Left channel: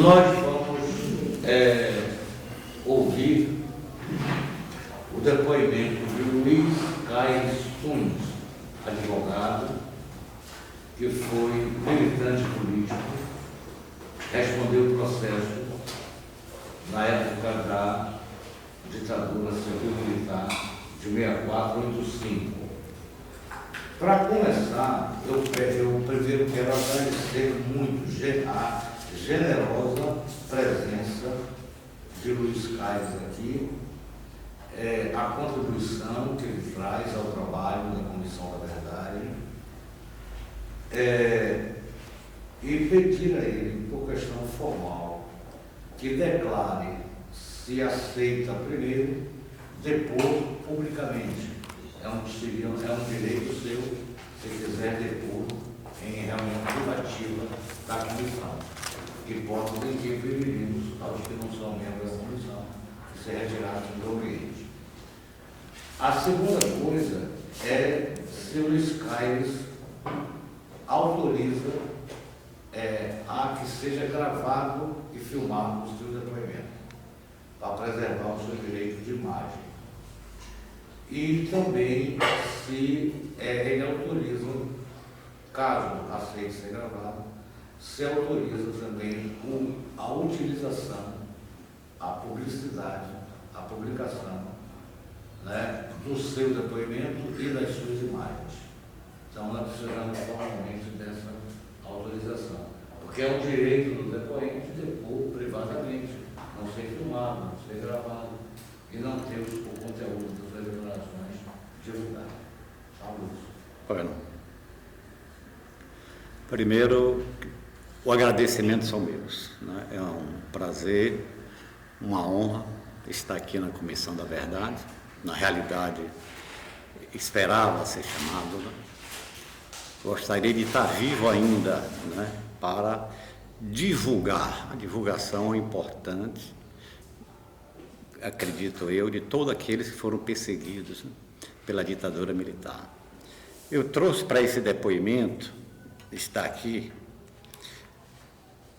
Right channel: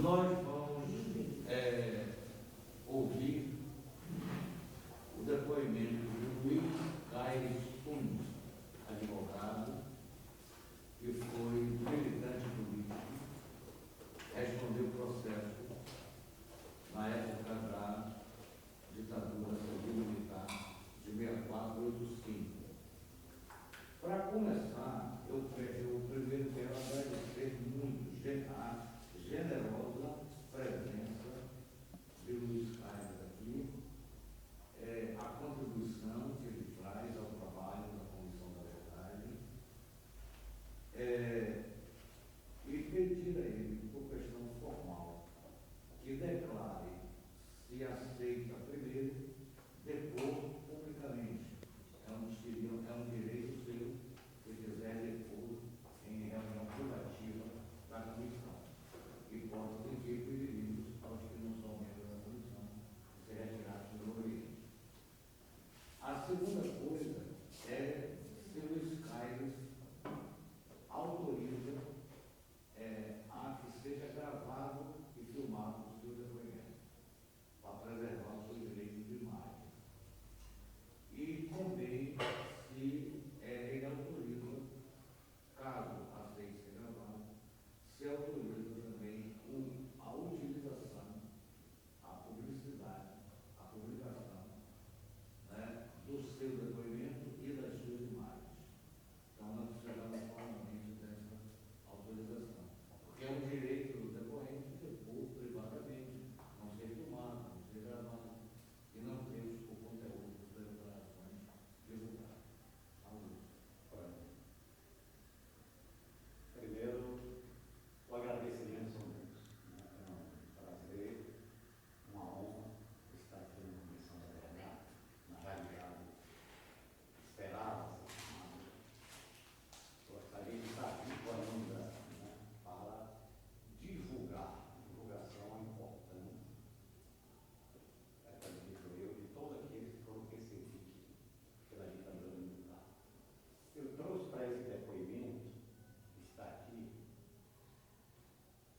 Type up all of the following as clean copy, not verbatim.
Nós vamos ouvir o depoimento de Luiz Caires Tunes, advogado, que foi militante político, respondeu o processo na época da ditadura civil-militar de 6485. Para começar, eu primeiro quero agradecer muito a generosa presença de Luiz Caires aqui, a contribuição que ele traz ao trabalho da Comissão da Verdade, e pedir a ele, por questão formal, que declare se aceita primeiro depor publicamente. É um direito seu, se quiser depor em reunião privativa da comissão. Hipótese que preferimos aos que não são membros da comissão que se retirassem do ambiente. A segunda coisa é se o Luiz Caires autoriza a que seja gravado e filmado o seu depoimento, para preservar o seu direito de imagem. E também se ele autoriza, caso aceite ser gravado, se autoriza também a utilização, a publicidade, a publicação, né, do seu depoimento e das suas imagens. Então nós precisamos formalmente dessa autorização, porque é um direito do depoente depor privadamente, não ser filmado, não ser gravado e não ter o conteúdo das suas declarações divulgado. Bueno, primeiro, o agradecimento são meus, né? É um prazer, uma honra estar aqui na Comissão da Verdade. Na realidade, esperava ser chamado, né? Gostaria de estar vivo ainda, né, para divulgar. A divulgação é importante, acredito eu, de todos aqueles que foram perseguidos, né, pela ditadura militar. Eu trouxe para esse depoimento, está aqui,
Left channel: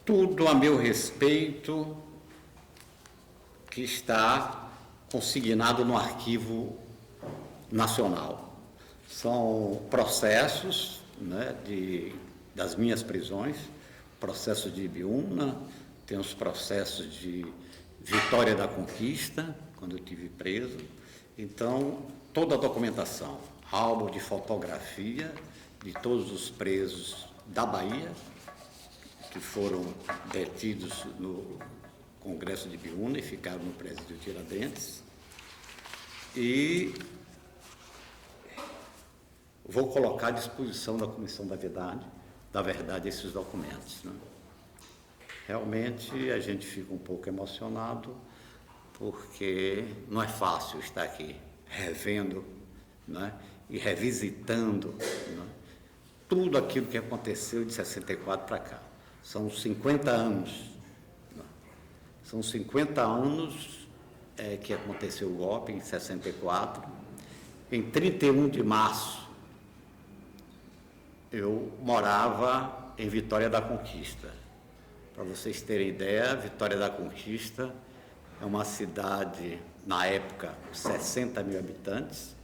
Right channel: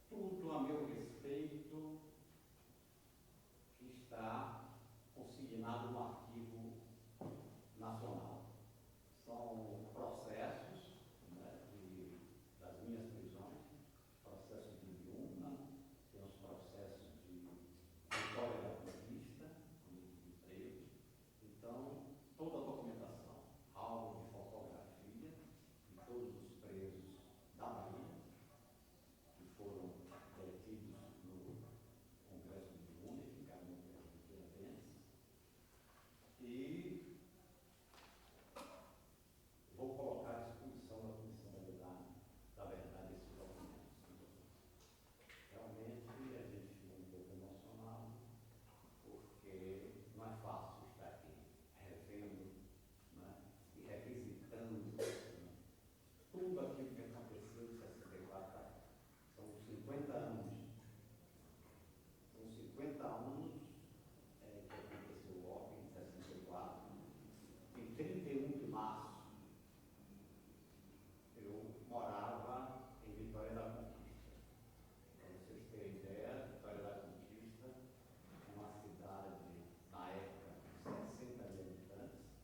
tudo a meu respeito que está consignado no Arquivo Nacional. São processos, né, das minhas prisões, processos de Ibiúna, tem os processos de Vitória da Conquista, quando eu estive preso. Então, toda a documentação, álbum de fotografia de todos os presos da Bahia, que foram detidos no Congresso de Ibiúna e ficaram no presídio Tiradentes. E vou colocar à disposição da Comissão da Verdade esses documentos, né? Realmente a gente fica um pouco emocionado, porque não é fácil estar aqui revendo, né, e revisitando, né, tudo aquilo que aconteceu de 64 para cá. São 50 anos. Né? São 50 anos que aconteceu o golpe, em 64. Em 31 de março, eu morava em Vitória da Conquista. Para vocês terem ideia, Vitória da Conquista é uma cidade, na época, 60 mil habitantes,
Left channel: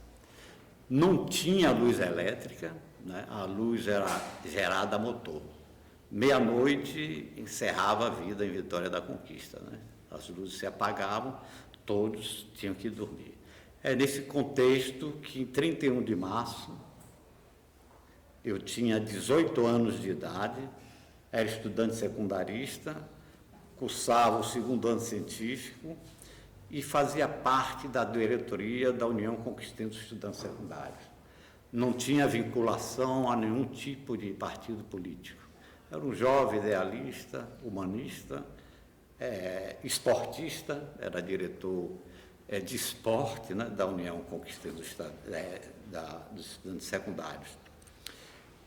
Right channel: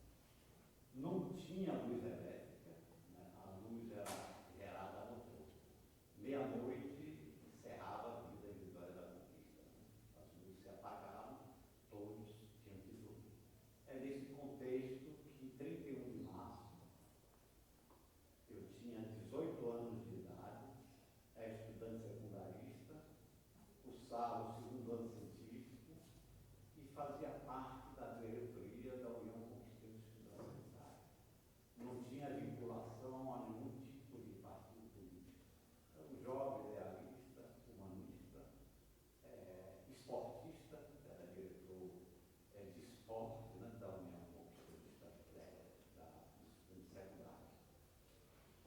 não tinha luz elétrica, né? A luz era gerada a motor. Meia-noite encerrava a vida em Vitória da Conquista, né? As luzes se apagavam, todos tinham que dormir. É nesse contexto que, em 31 de março, eu tinha 18 anos de idade, era estudante secundarista, cursava o segundo ano científico e fazia parte da diretoria da União Conquistante dos Estudantes Secundários. Não tinha vinculação a nenhum tipo de partido político. Era um jovem idealista, humanista, esportista, era diretor de esporte, né, da União Conquistante dos Estudantes Secundários.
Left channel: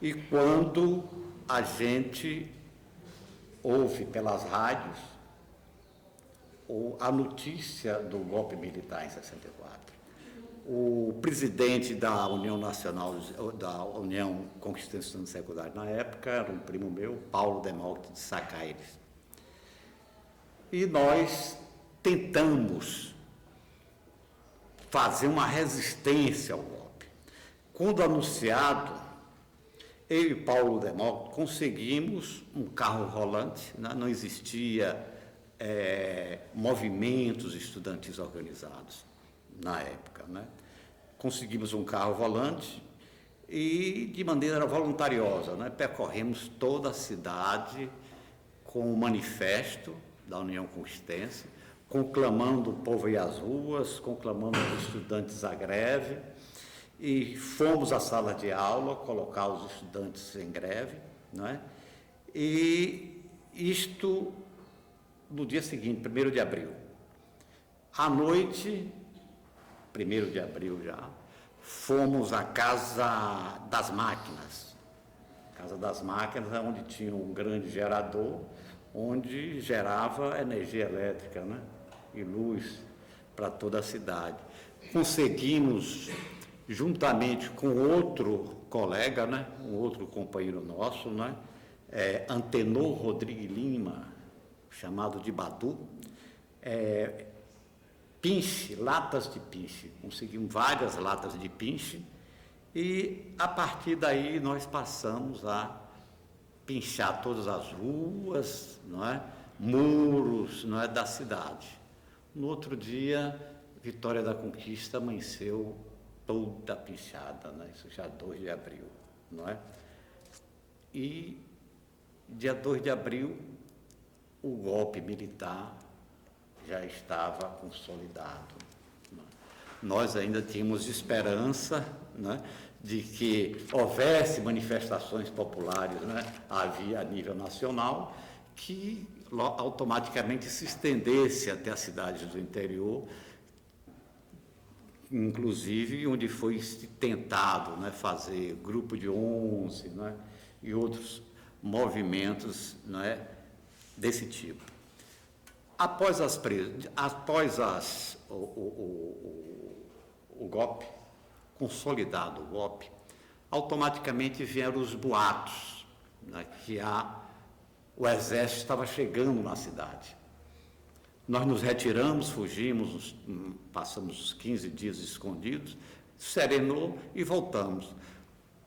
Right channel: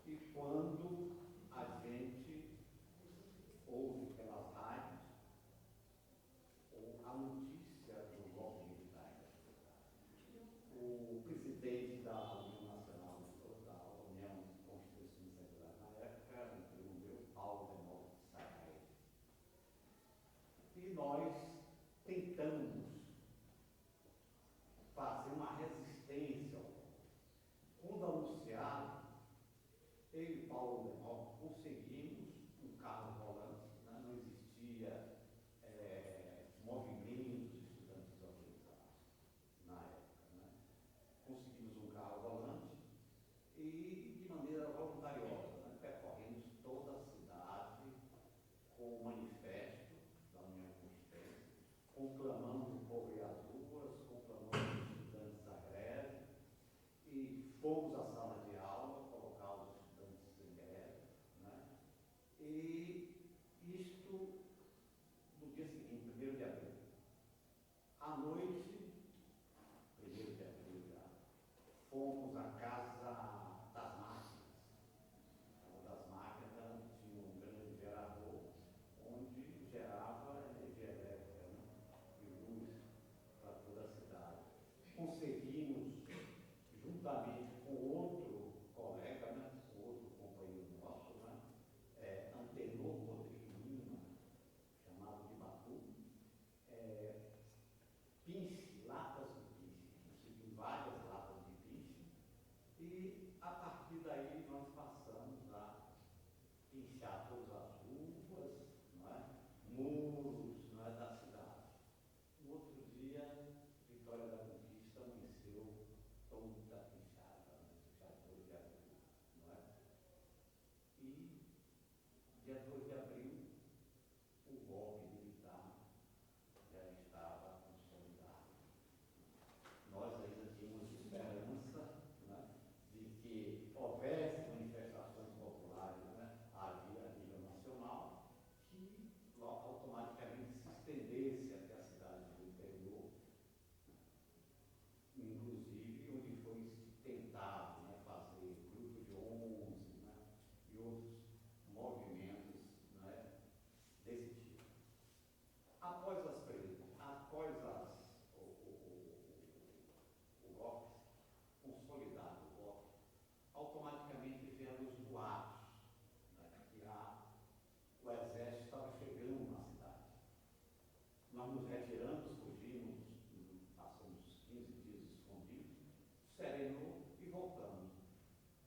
E quando a gente ouve pelas rádios a notícia do golpe militar em 64, o presidente da União Nacional, da União Conquistante dos Estudantes Secundários, na época, era um primo meu, Paulo Demócrito de Sá Caires. E nós tentamos fazer uma resistência ao golpe. Quando anunciado, eu e Paulo Demócrito conseguimos um carro rolante, né? Não existia movimentos estudantis organizados na época, né? Conseguimos um carro volante e, de maneira voluntariosa, né? Percorremos toda a cidade com o manifesto da União Conquistense, conclamando o povo a ir às ruas, conclamando os estudantes à greve, e fomos à sala de aula colocar os estudantes em greve, né? E isto no dia seguinte, 1º de abril. À noite, 1º de abril já, fomos à Casa das Máquinas. Casa das Máquinas é onde tinha um grande gerador, onde gerava energia elétrica, né? E luz para toda a cidade. Conseguimos, juntamente com outro colega, né? Um outro companheiro nosso, né? Antenor Rodrigues Lima, chamado de Badu, pinche, latas de pinche. Conseguimos várias latas de pinche e, a partir daí, nós passamos a pinchar todas as ruas, não é? Muros, não é? Da cidade. No outro dia, Vitória da Conquista amanheceu toda pinchada, né? Isso já 2 de abril, não é? E dia 2 de abril, o golpe militar já estava consolidado. Nós ainda tínhamos esperança, né, de que houvesse manifestações populares, né, havia a nível nacional, que automaticamente se estendesse até as cidades do interior, inclusive onde foi tentado, né, fazer grupo de 11, né, e outros movimentos, né, desse tipo. Após o golpe, consolidado o golpe, automaticamente vieram os boatos, né, que o exército estava chegando na cidade. Nós nos retiramos, fugimos, passamos os 15 dias escondidos, serenou e voltamos.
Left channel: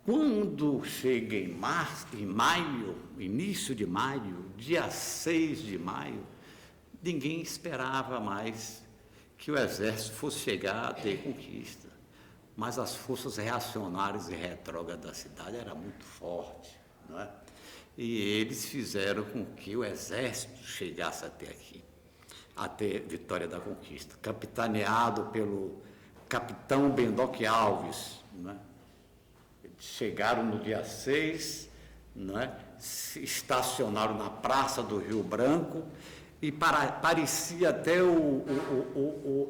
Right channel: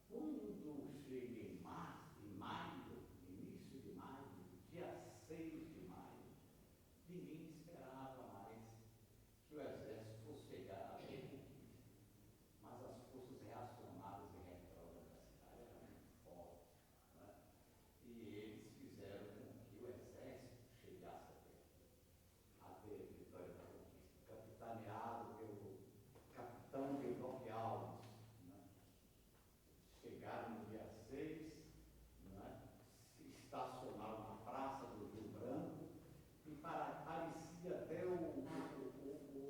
Quando chega em maio, início de maio, dia 6 de maio, ninguém esperava mais que o exército fosse chegar a ter conquista. Mas as forças reacionárias e retrógradas da cidade eram muito fortes, não é? E eles fizeram com que o exército chegasse até aqui, até Vitória da Conquista, capitaneado pelo capitão Bendoque Alves, não é? Chegaram no dia 6, né, estacionaram na Praça do Rio Branco e parecia até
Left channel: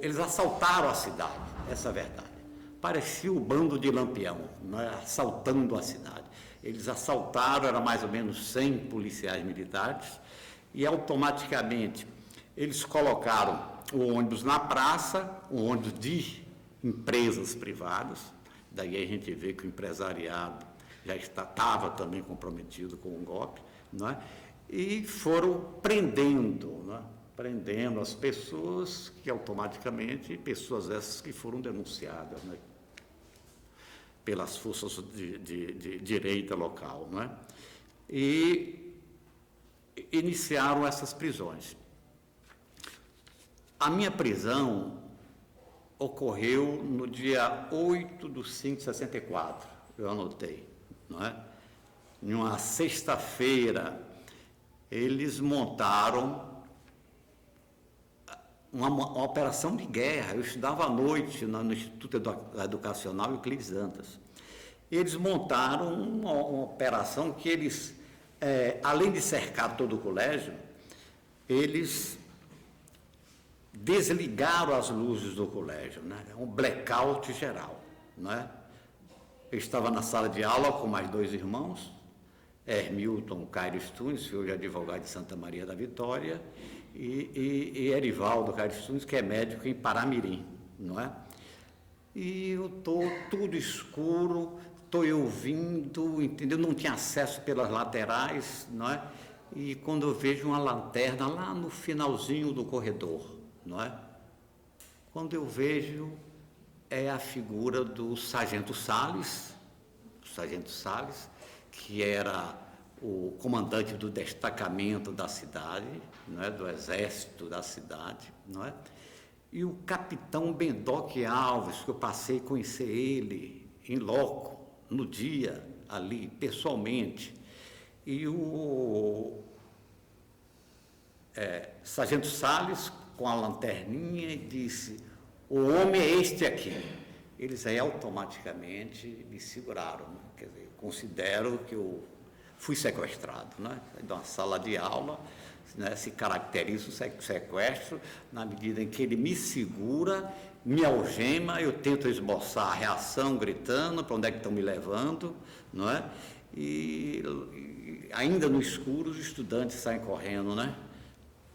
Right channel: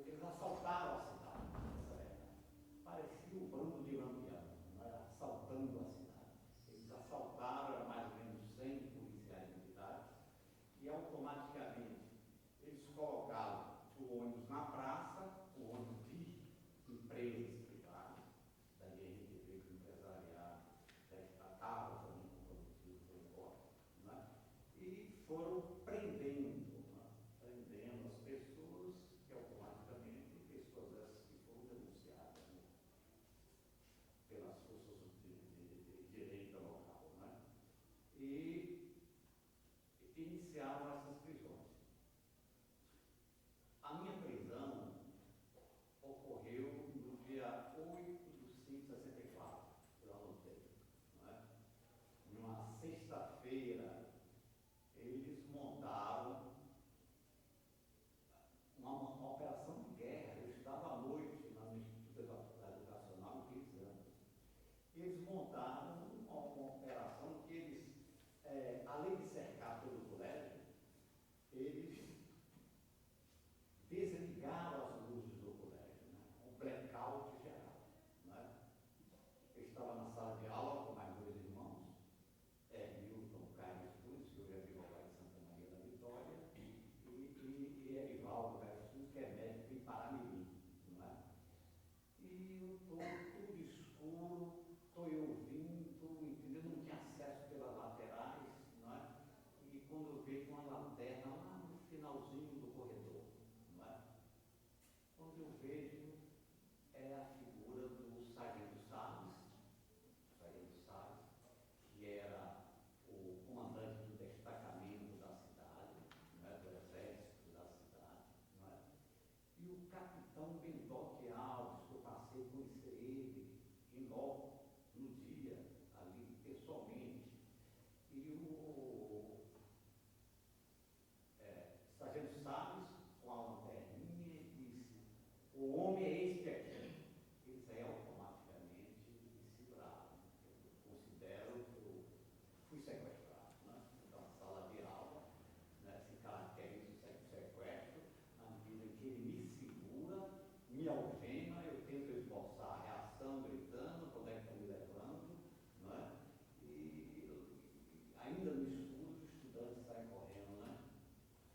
eles assaltaram a cidade, essa é a verdade. Parecia o bando de Lampião, né, assaltando a cidade. Eles assaltaram, era mais ou menos 100 policiais militares, e automaticamente eles colocaram o ônibus na praça, um ônibus de empresas privadas. Daí a gente vê que o empresariado já estava também comprometido com o golpe, não é? E foram prendendo, não é? Prendendo as pessoas que automaticamente, pessoas essas que foram denunciadas, né, pelas forças de direita local, não é? E iniciaram essas prisões. A minha prisão ocorreu no dia 8/5/64, eu anotei, não é? Em uma sexta-feira, eles montaram uma operação de guerra. Eu estudava à noite no Instituto Educacional Euclides Dantas. Eles montaram uma operação que eles, além de cercar todo o colégio, eles desligaram as luzes do colégio, né? Um blackout geral, né? Eu estava na sala de aula com mais 2 irmãos, Hermilton Caires Tunes, que hoje é advogado de Santa Maria da Vitória, e Erivaldo Caires Tunes, que é médico em Paramirim, não é? E eu estou tudo escuro, estou ouvindo, entendeu? Não tinha acesso pelas laterais, não é? e quando eu vejo uma lanterna lá no finalzinho do corredor, não é? Quando eu vejo, é a figura do Sargento Salles, que era o comandante do destacamento da cidade, não é? Do exército da cidade, não é? E o capitão Bendoque Alves, que eu passei a conhecer ele em loco, no dia, ali, pessoalmente. E o Sargento Salles, com a lanterninha, e disse: o homem é este aqui. Eles aí automaticamente me seguraram, né? Quer dizer, considero que eu fui sequestrado, né? De uma sala de aula, né? Se caracteriza o sequestro na medida em que ele me segura, me algema, eu tento esboçar a reação gritando para onde é que estão me levando, não é? E ainda no escuro os estudantes saem correndo, né?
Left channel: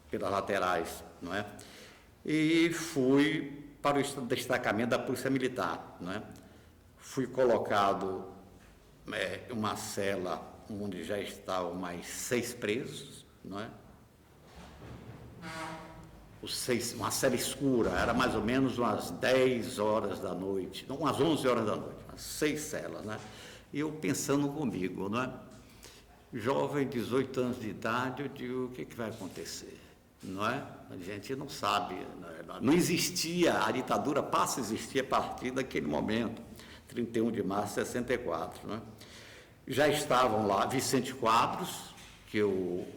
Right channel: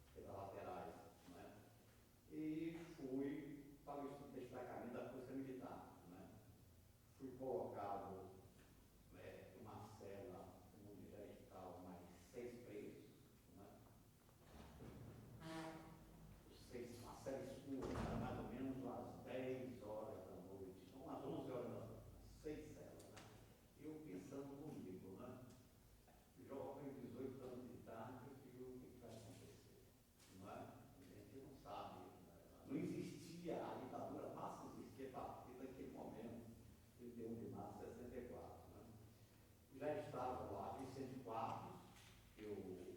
Pelas laterais, não é? E fui para o destacamento da Polícia Militar, não é? Fui colocado em uma cela onde já estavam mais 6 presos, não é? Uma cela escura, era mais ou menos umas 10 horas da noite, não, umas 11 horas da noite, umas 6 celas, né? E eu pensando comigo, não é? Jovem, 18 anos de idade, eu digo, o que vai acontecer? Não é? A gente não sabe, não existia, a ditadura passa a existir a partir daquele momento, 31 de março de 64, não é? Já estavam lá Vicente Quadros, que eu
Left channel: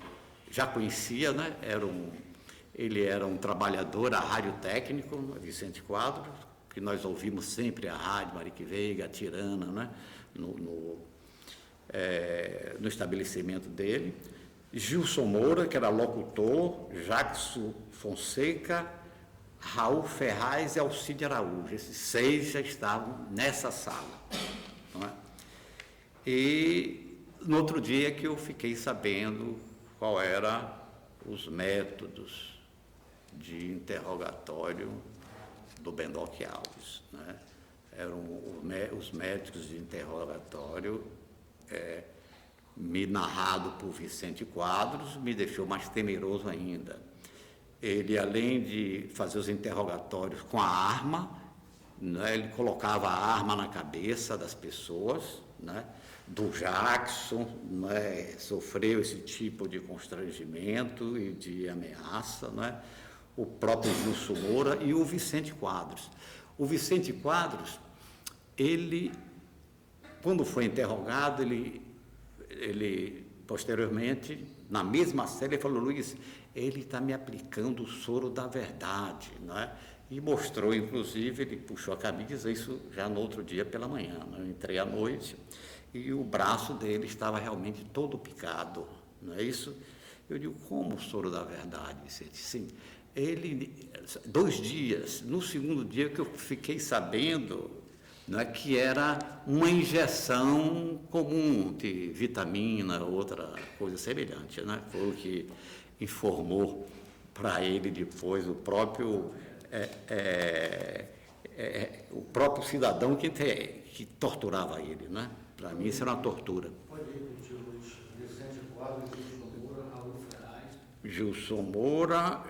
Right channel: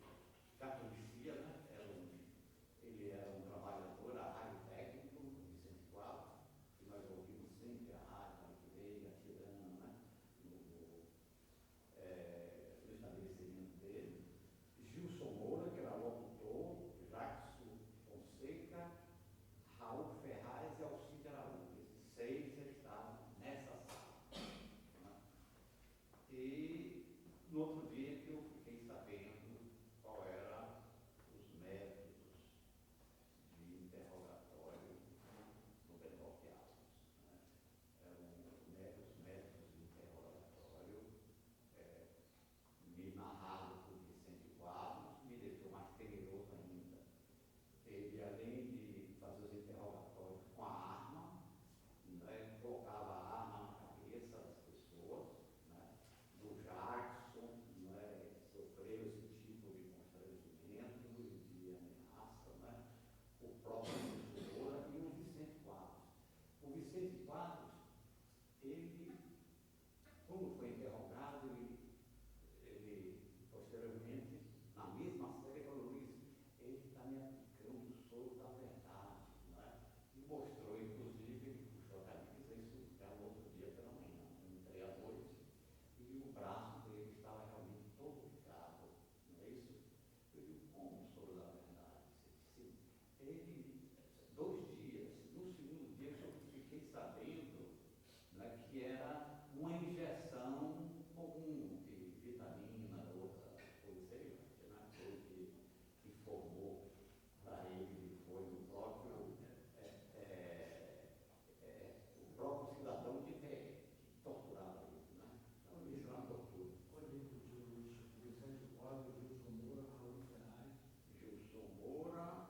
já conhecia, né? Ele era um trabalhador radiotécnico, Vicente Quadros, que nós ouvimos sempre a rádio Marique Veiga, a Tirana, né? No estabelecimento dele. Gilson Moura, que era locutor, Jackson Fonseca, Raul Ferraz e Alcide Araújo. Esses 6 já estavam nessa sala, não é? E no outro dia que eu fiquei sabendo qual eram os métodos de interrogatório do Bendoque Alves, né? Eram os métodos de interrogatório me narrado por Vicente Quadros, me deixou mais temeroso ainda. Ele, além de fazer os interrogatórios com a arma, né, ele colocava a arma na cabeça das pessoas, né? Do Jackson, né, sofreu esse tipo de constrangimento e de ameaça, né? O próprio Gilson Moura e o Vicente Quadros. O Vicente Quadros, ele, quando foi interrogado, ele posteriormente, na mesma série, ele falou: Luiz, ele está me aplicando o soro da verdade, não é? E mostrou, inclusive, ele puxou a camisa, isso já no outro dia pela manhã, né? Eu entrei à noite e o braço dele estava realmente todo picado, não é isso? Eu digo: como o soro da verdade, Vicente? Sim, ele, 2 dias, no segundo dia que eu fiquei sabendo, não é, que era uma injeção comum de vitamina, outra coisa semelhante, né? Foi o que informou para ele depois o próprio cidadão que torturava ele, né? Para mim isso era uma tortura. Pode repetir, Luiz. Vicente Quadros, Gilson Moura, Raul Ferraz. Gilson Moura,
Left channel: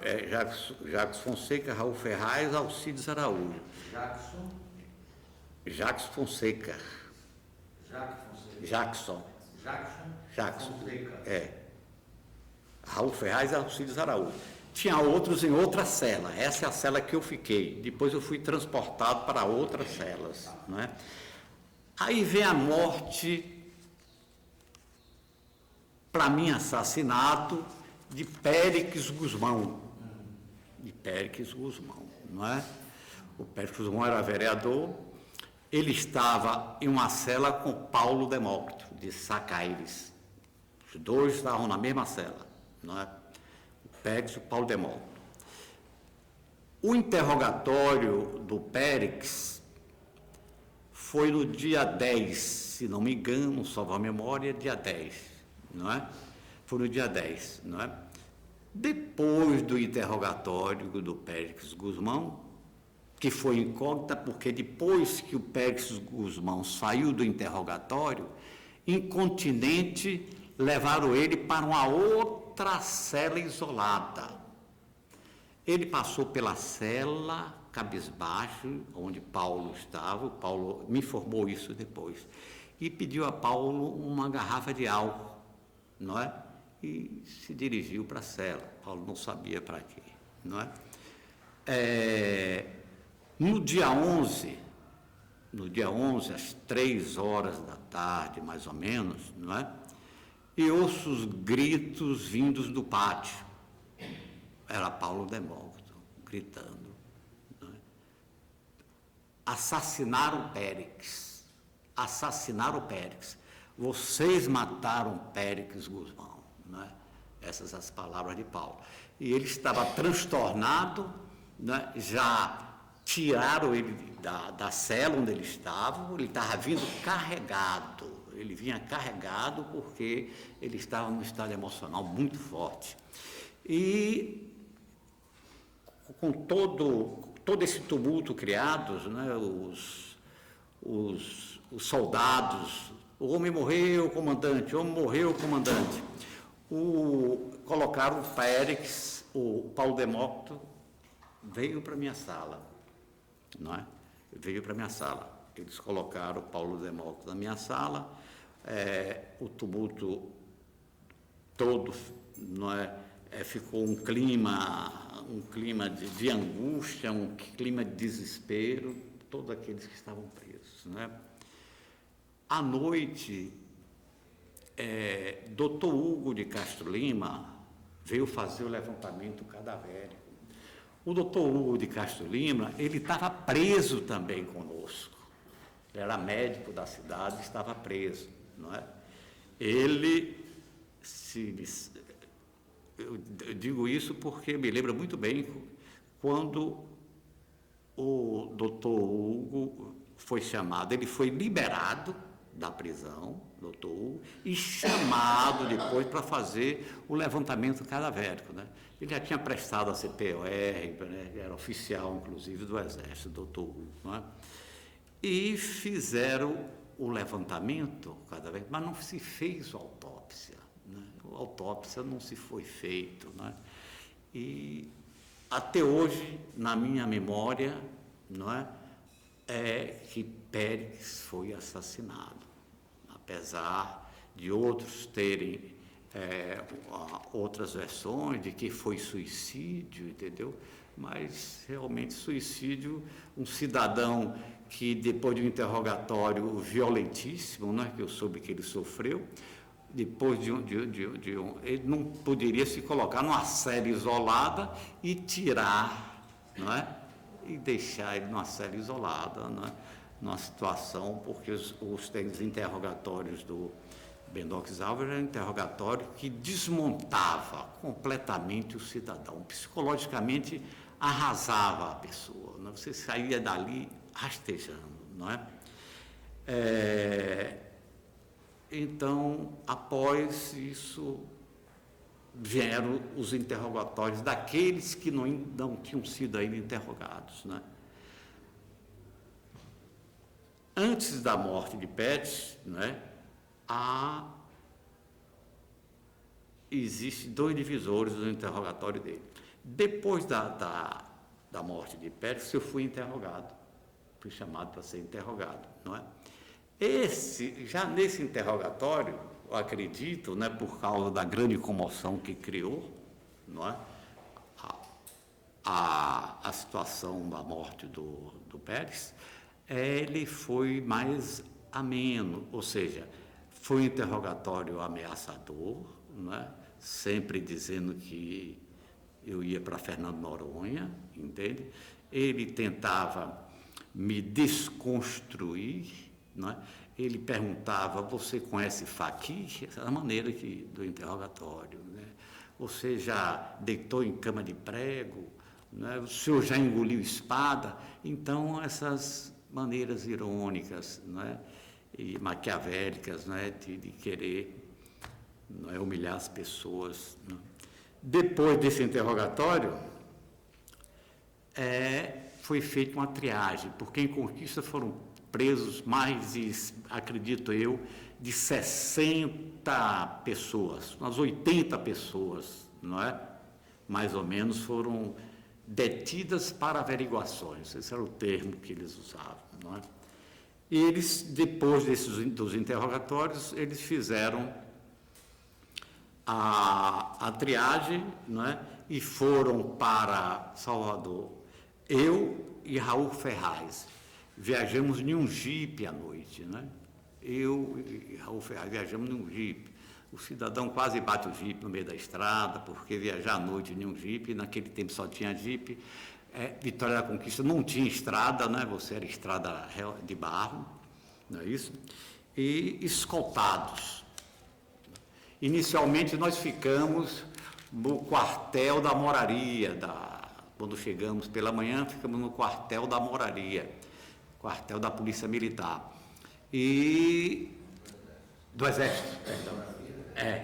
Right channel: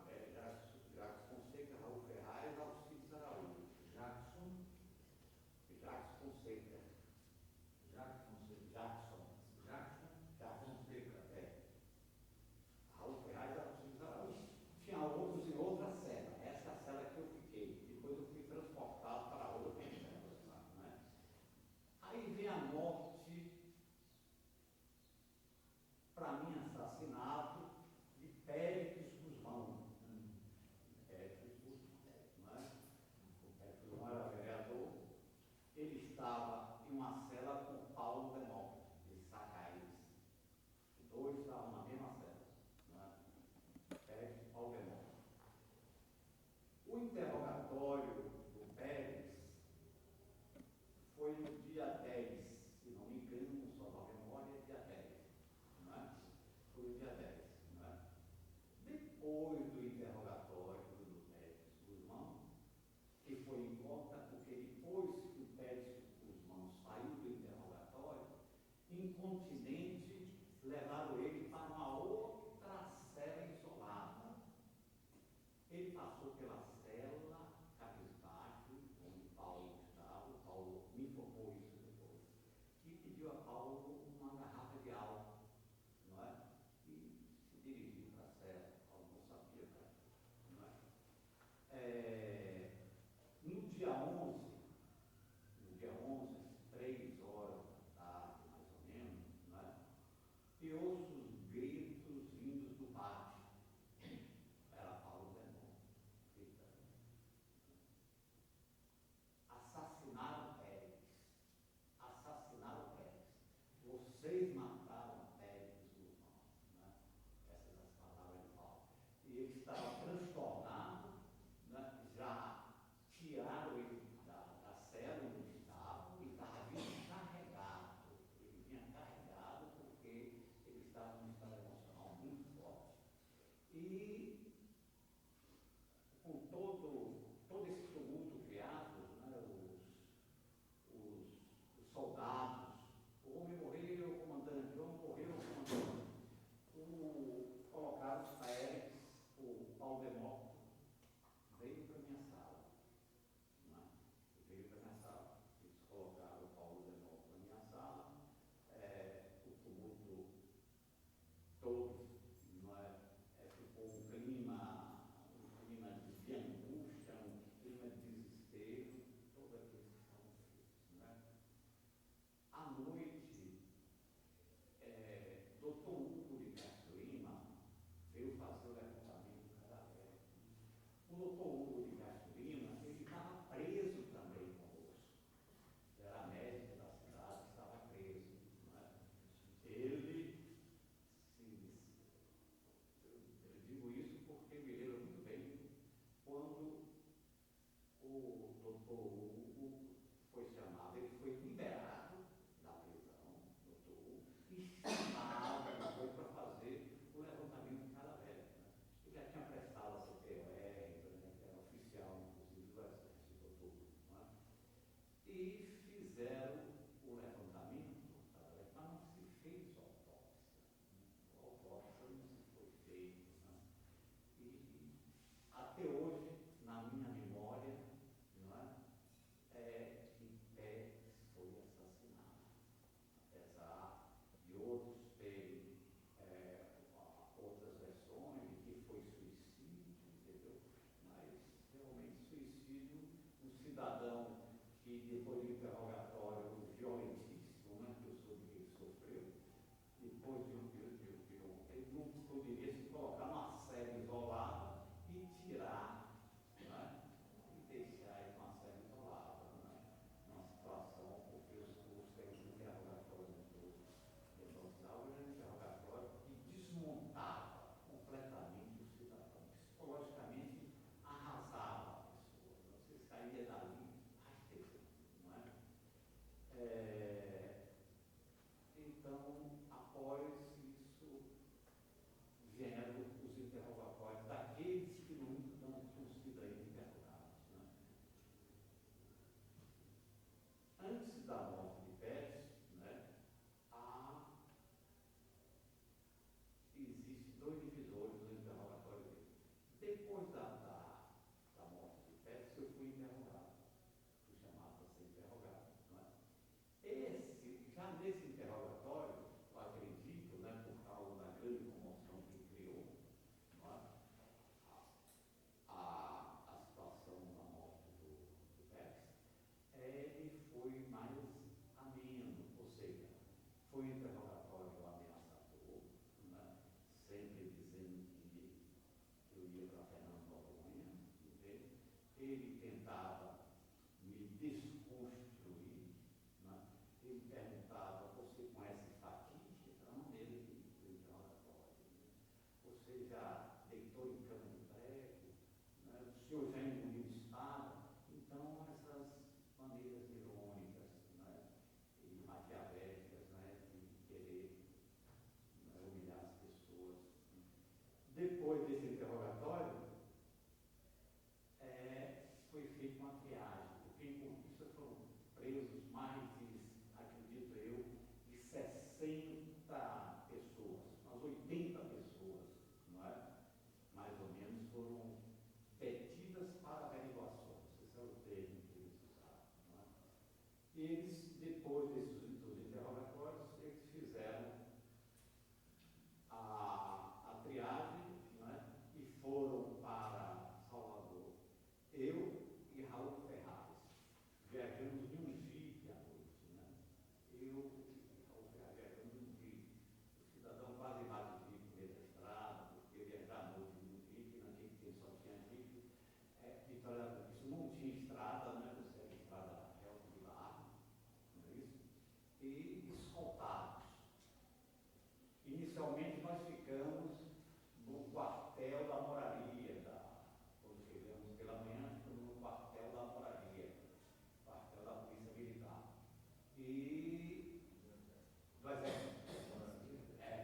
Jacques Fonseca, Raul Ferraz, Alcides Araújo. Jackson Fonseca. Jackson Fonseca. Raul Ferraz e Alcides Araújo. Tinha outros em outra cela. Essa é a cela que eu fiquei. Depois eu fui transportado para outras celas, não é? Aí vem a morte, para mim, assassinato de Périx Guzmão. Não é? O Périx Guzmão era vereador. Ele estava em uma cela com Paulo Demócrito, de Sacaires. Os 2 estavam na mesma cela, não é? O Périx e o Paulo Demócrito. O interrogatório do Périx foi no dia 10, se não me engano, salvo a memória, dia 10, não é? Foi no dia 10, não é? Depois do interrogatório do Périx Guzmão, que foi incógnita, porque depois que o Périx Guzmão saiu do interrogatório, incontinente, levaram ele para uma outra outra cela isolada. Ele passou pela cela cabisbaixo, onde Paulo estava. Paulo me informou isso depois. E pediu a Paulo uma garrafa de álcool, não é? E se dirigiu para a cela. Paulo não sabia para quê, não é? No dia 11, às 3 horas da tarde, mais ou menos, não é? E ouço os gritos vindos do pátio. Era Paulo Demócrito gritando, não é? Assassinaram Périx. Assassinaram Périx. Vocês mataram Périx Guzmão, não é? Essas as palavras de Paulo. E ele estava transtornado, né? Já tiraram ele da cela onde ele estava vindo carregado. Ele vinha carregado porque ele estava num estado emocional muito forte. E com todo esse tumulto criado, né? Os soldados, o homem morreu, comandante, o homem morreu, comandante. Colocaram o Périx, o Paulo Demócrito veio para minha sala, não é? Veio para minha sala. Eles colocaram o Paulo Demócrito na minha sala, o tumulto todo, não é? Ficou um clima de angústia, um clima de desespero, todos aqueles que estavam presos, não é? À noite, Dr. Hugo de Castro Lima veio fazer o levantamento cadavérico. O Dr. Hugo de Castro Lima, ele estava preso também conosco. Ele era médico da cidade, estava preso, não é? Eu digo isso porque me lembra muito bem quando o Dr. Hugo foi chamado, ele foi liberado da prisão, Dr. Hugo, e chamado depois para fazer o levantamento cadavérico, né? Ele já tinha prestado a CPOR, né? Era oficial, inclusive, do Exército, Dr. Hugo, não é? E fizeram o levantamento cadavérico, mas não se fez a autópsia, né? A autópsia não se foi feita, né? E até hoje, na minha memória, não é que Périx foi assassinado, apesar de outros terem outras versões de que foi suicídio, entendeu? Mas realmente suicídio, um cidadão que depois de um interrogatório violentíssimo, né, que eu soube que ele sofreu, depois ele não poderia se colocar numa cela isolada e tirar, não é? E deixar ele numa cela isolada, não é? Numa situação, porque os interrogatórios do Benox Alves era um interrogatório que desmontava completamente o cidadão, psicologicamente arrasava a pessoa, não é? Você saía dali rastejando, não é? Então, após isso, vieram os interrogatórios daqueles que não tinham sido ainda interrogados, né? Antes da morte de Périx, né, existem 2 divisores do interrogatório dele. Depois da morte de Périx, eu fui interrogado, fui chamado para ser interrogado, não é? Já nesse interrogatório, eu acredito, né, por causa da grande comoção que criou, não é? A situação da morte do Périx, ele foi mais ameno, ou seja, foi um interrogatório ameaçador, não é? Sempre dizendo que eu ia para Fernando Noronha, entende? Ele tentava me desconstruir, não é? Ele perguntava: você conhece Faqui? Essa é a maneira do interrogatório, né? Você já deitou em cama de prego? Né? O senhor já engoliu espada? Então, essas maneiras irônicas, não é? E maquiavélicas, não é? de querer, não é, humilhar as pessoas, não é? Depois desse interrogatório, foi feita uma triagem, porque em Conquista foram presos mais, acredito eu, de 60 pessoas, umas 80 pessoas, não é? Mais ou menos foram detidas para averiguações, esse era o termo que eles usavam, não é? E eles, depois dos interrogatórios, eles fizeram a triagem, não é? E foram para Salvador. Eu e Raul Ferraz viajamos em um jipe à noite, né? Eu e Raul Ferraz viajamos em um jipe. O cidadão quase bate o jipe no meio da estrada, porque viajar à noite em um jipe, naquele tempo só tinha jipe. Vitória da Conquista não tinha estrada, né? Você era estrada de barro, não é isso? E escoltados. Inicialmente nós ficamos no quartel da Moraria, quando chegamos pela manhã, ficamos no quartel da Moraria, quartel da Polícia Militar. E do Exército.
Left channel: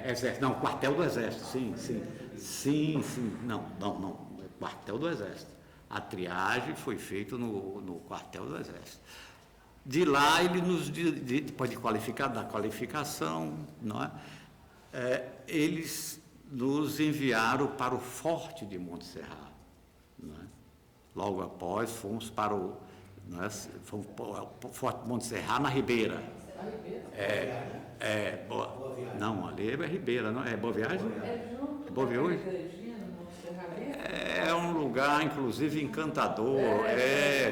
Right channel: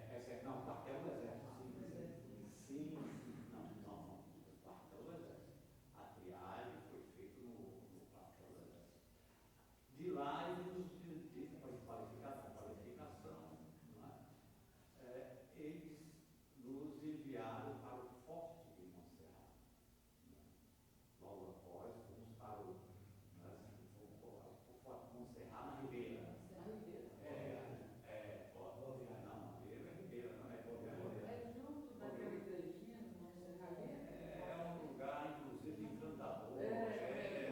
Exército, não, quartel do Exército, sim, não, quartel do Exército. A triagem foi feita no quartel do Exército. De lá, ele depois da qualificação, não é? Eles nos enviaram para o Forte de Montserrat. Não é? Logo após, fomos para o Forte de Montserrat, na Ribeira. Não, ali é Ribeira, não é Boa Viagem? É Boa Viagem? É um lugar, inclusive, encantador,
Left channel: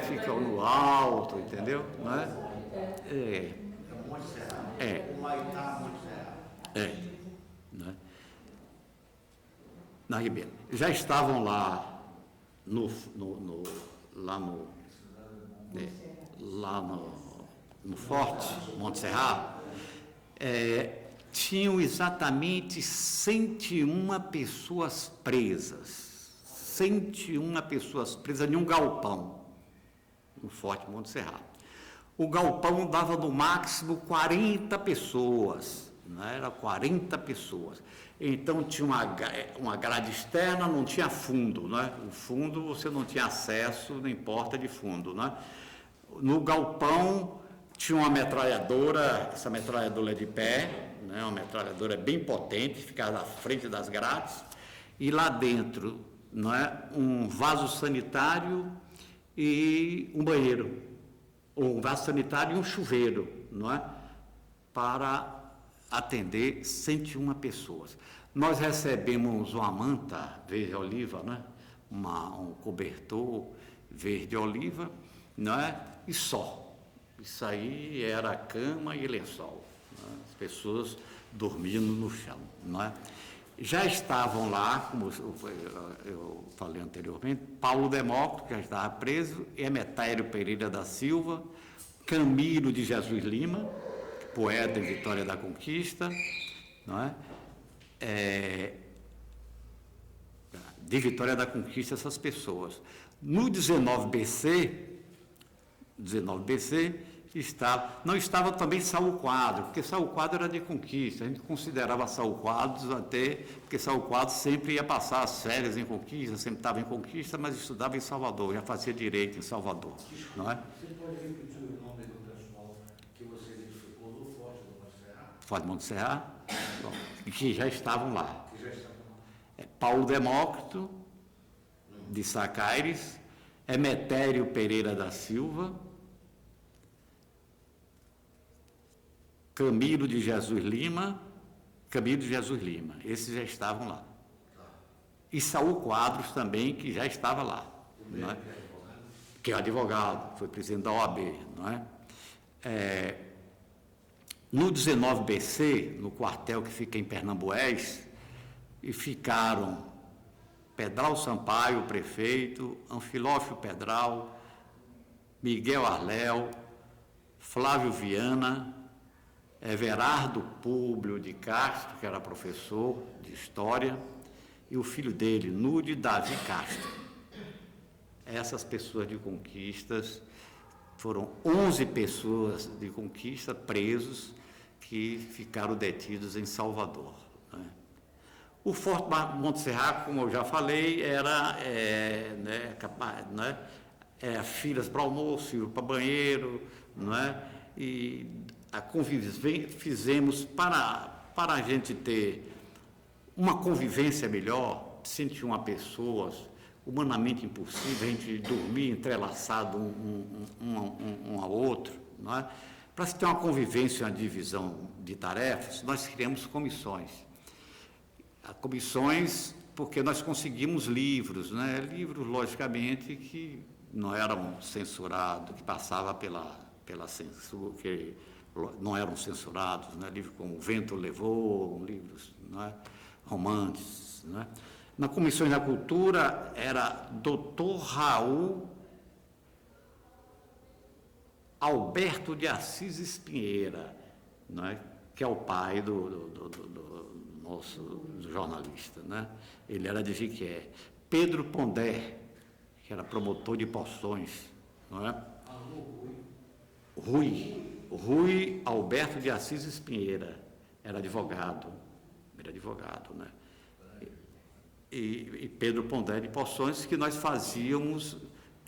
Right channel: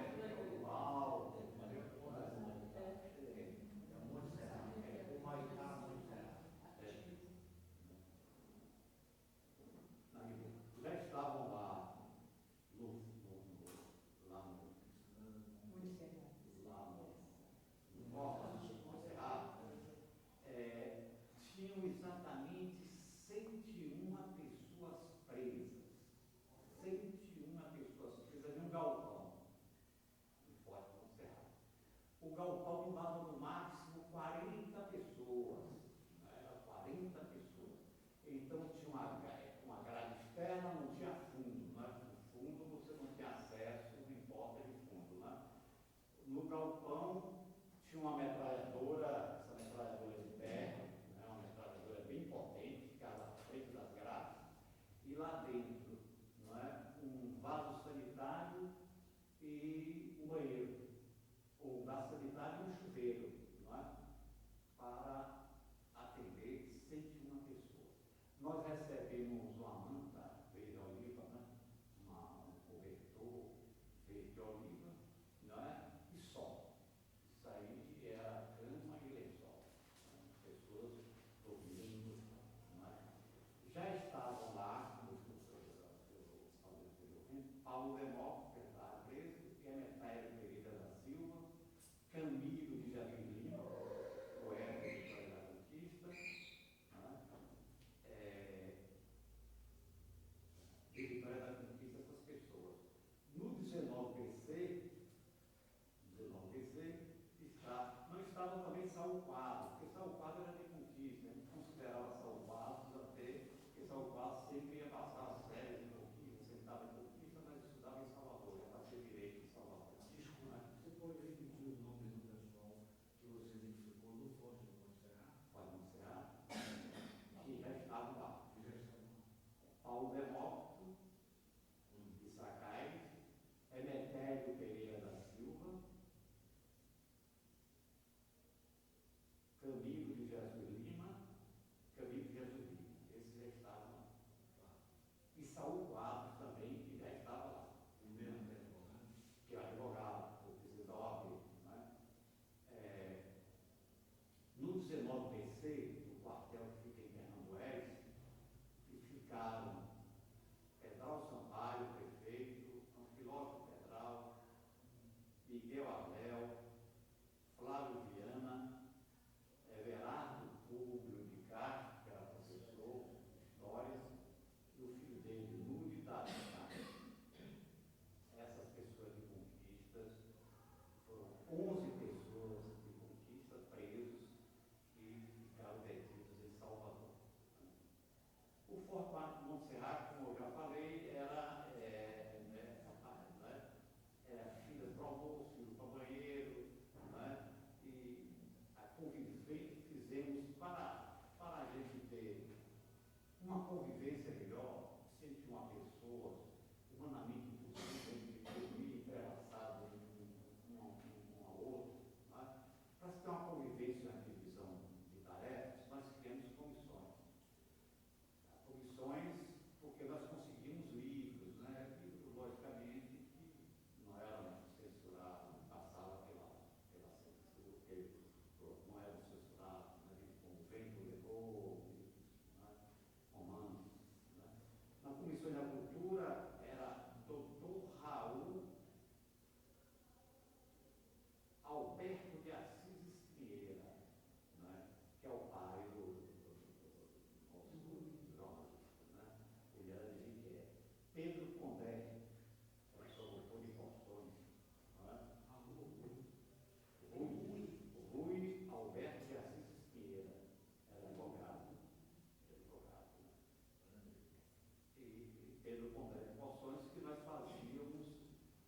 fica no alto, entendeu? Não é? Humaitá, Montserrat. Né? Na Ribeira. Já estavam lá no Forte Montserrat, tinham exatamente 101 pessoas presas. 101 pessoas presas em um galpão no Forte Montserrat. O galpão dava no máximo 40 pessoas, né? Era 40 pessoas. Então tinha uma grade externa, não tinha fundo, né? O fundo você não tinha acesso, nem porta de fundo, né? No galpão tinha uma metralhadora, essa metralhadora é de pé, né? Uma metralhadora bem potente, ficava à frente das grades, e lá dentro, não é? Um vaso sanitário e um banheiro, ou um vaso sanitário e um chuveiro, não é? Para atender 101 pessoas. Nós recebemos uma manta verde-oliva, né? Um cobertor verde-oliva, não é? E só. Isso aí era cama e lençol, né? As pessoas dormindo no chão, não é? Já estavam lá, como eu falei anteriormente, Paulo Demócrito, que já estava preso, Emetério Pereira da Silva, Camilo de Jesus Lima, poeta em Vitória da Conquista, não é? De Vitória da Conquista, essas pessoas. No 19BC, não estava também Saul Quadros, porque Saul Quadros era de Conquista, a gente considerava Saul Quadros até, porque Saul Quadros sempre ia passar as férias em Conquista, sempre estava em Conquista, mas estudava em Salvador, já fazia direito em Salvador, não é? Você pode repetir o nome do pessoal que você identificou no Forte do Montserrat? Forte de Montserrat, que já estavam lá. Paulo Demócrito, de Sacaires, Emetério Pereira da Silva, Camilo de Jesus Lima, esses já estavam lá. E Saul Quadros também, que já estava lá, não é? Que é advogado, foi presidente da OAB, não é? No 19BC, no quartel que fica em Pernambués, e ficaram Pedral Sampaio, prefeito, Anfilófio Pedral, Miguel Arléu, Flávio Viana, Everardo Públio de Castro, que era professor de História, e o filho dele, Nude Davi Castro. Essas pessoas de Conquistas, foram 11 pessoas de Conquista presos que ficaram detidos em Salvador. Né? O Forte Montserrat, como eu já falei, era capaz, né? Filas para almoço, para banheiro, não é? E fizemos para a gente ter uma convivência melhor, sentir uma pessoa humanamente impossível, a gente dormir entrelaçado um ao outro, não é? Para se ter uma convivência, uma divisão de tarefas, nós criamos comissões. Comissões porque nós conseguimos livros, né? Livros, logicamente, que não eram censurados, que passavam pela censura, que não eram censurados, né? Livros como O Vento Levou, livros, não é? Romances, não é? Na Comissão da Cultura era Dr. Raul Alberto de Assis Espinheira, não é? Que é o pai do nosso jornalista, né? Ele era de Jiquié. Pedro Pondé, que era promotor de Poções, não é? Rui Alberto de Assis Espinheira, era advogado, né? E Pedro Pondé de Poções, que nós fazíamos,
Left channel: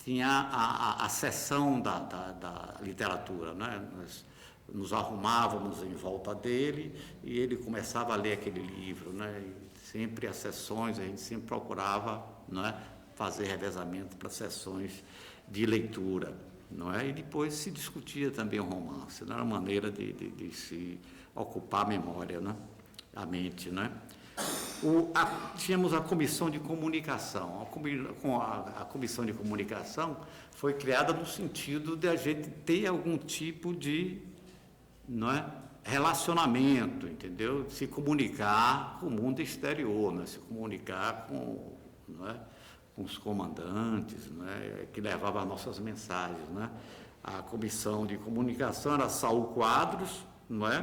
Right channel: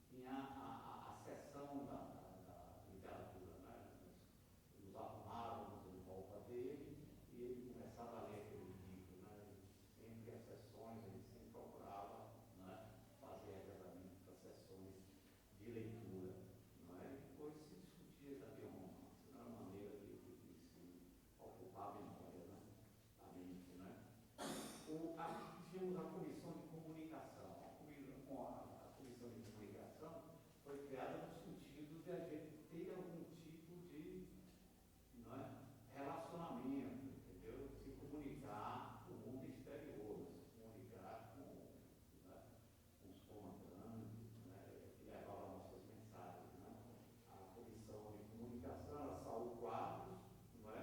tinha a sessão da literatura, né? Nós nos arrumávamos em volta dele e ele começava a ler aquele livro, né? E sempre as sessões, a gente sempre procurava, não é? Fazer revezamento para sessões de leitura, não é? E depois se discutia também o romance, não era uma maneira de se ocupar a memória, né? A mente, né? Tínhamos a comissão de comunicação. A comissão de comunicação foi criada no sentido de a gente ter algum tipo de, não é, relacionamento, entendeu? Se comunicar com o mundo exterior, né? Se comunicar não é, com os comandantes, não é, que levavam as nossas mensagens, né? A comissão de comunicação era Saul Quadros, não é?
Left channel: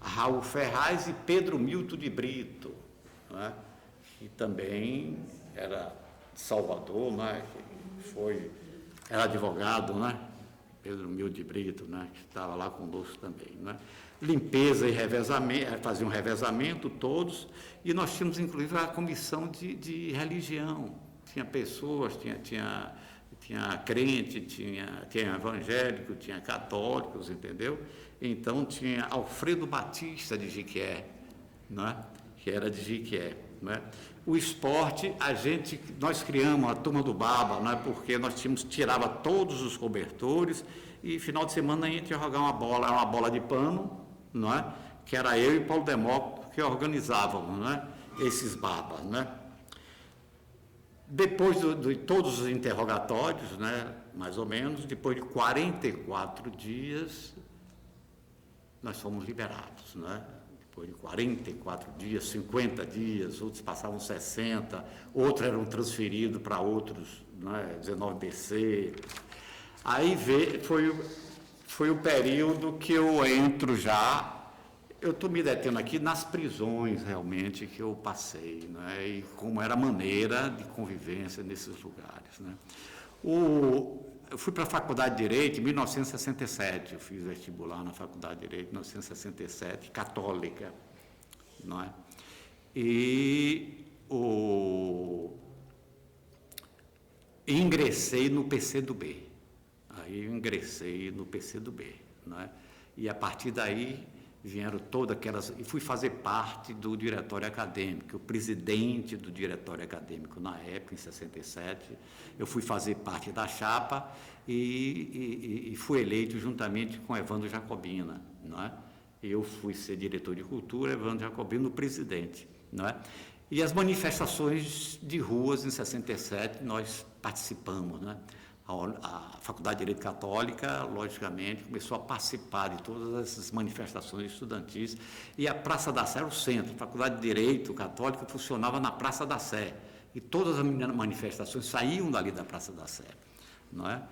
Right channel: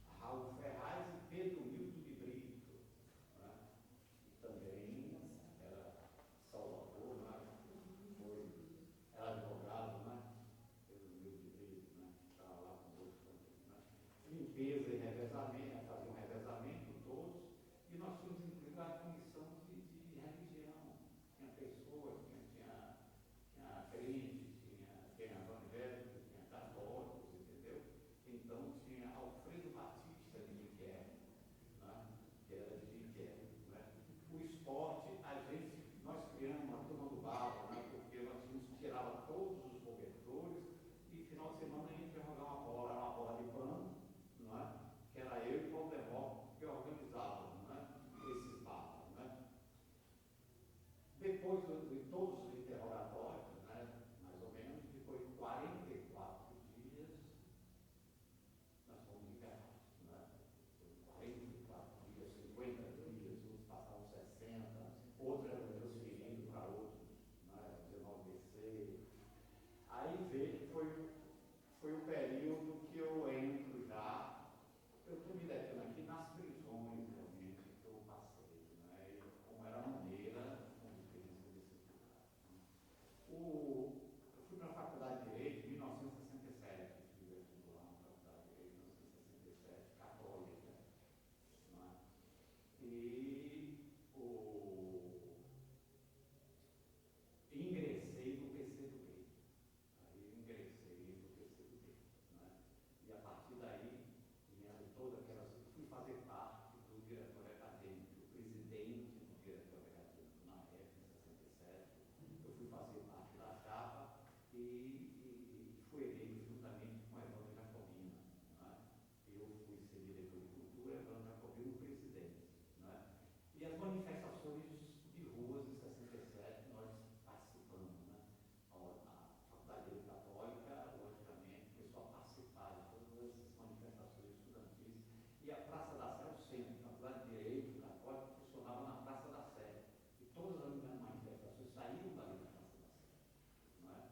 Raul Ferraz e Pedro Milton de Brito, não é? Que também era de Salvador, né? Era advogado, né? Pedro Milton de Brito, né? Que estava lá conosco também, né? Limpeza e revezamento, faziam revezamento todos, e nós tínhamos inclusive a comissão de religião. Tinha pessoas, tinha crente, tinha evangélico, tinha católicos, entendeu? Então tinha Alfredo Batista de Jiquié, né? Que era de Jiquié, né? O esporte, nós criamos a turma do Baba, né? Porque nós tirava todos os cobertores e final de semana a gente ia jogar uma bola de pano, não é? Que era eu e Paulo Demócrito que organizávamos, né? Esses Babas, né? Depois de todos os interrogatórios, né? Mais ou menos, depois de 44 dias, nós fomos liberados, né? Depois de 44 dias, 50 dias, outros passavam 60, outros eram transferidos para outros, né? 19BC. Aí foi o período que eu entro já. Eu estou me detendo aqui nas prisões, realmente, que eu passei, né? E como era a maneira de convivência nesses lugares, né? Eu fui para a Faculdade de Direito em 1967, eu fiz vestibular na Faculdade de Direito em 1967, católica, não é? E ingressei no PCdoB, aí eu ingressei no PCdoB, não é? E a partir daí vieram todas aquelas, e fui fazer parte do diretório acadêmico, o presidente do diretório acadêmico na época, em 67, eu fui fazer parte da chapa e fui eleito juntamente com Evandro Jacobina, não é? Eu fui ser diretor de cultura, Evandro Jacobina, o presidente, não é? E as manifestações de ruas em 67 nós participamos, né? A Faculdade de Direito Católica, logicamente, começou a participar de todas essas manifestações estudantis, e a Praça da Sé era o centro. A Faculdade de Direito Católica funcionava na Praça da Sé, e todas as manifestações saíam dali da Praça da Sé, não é?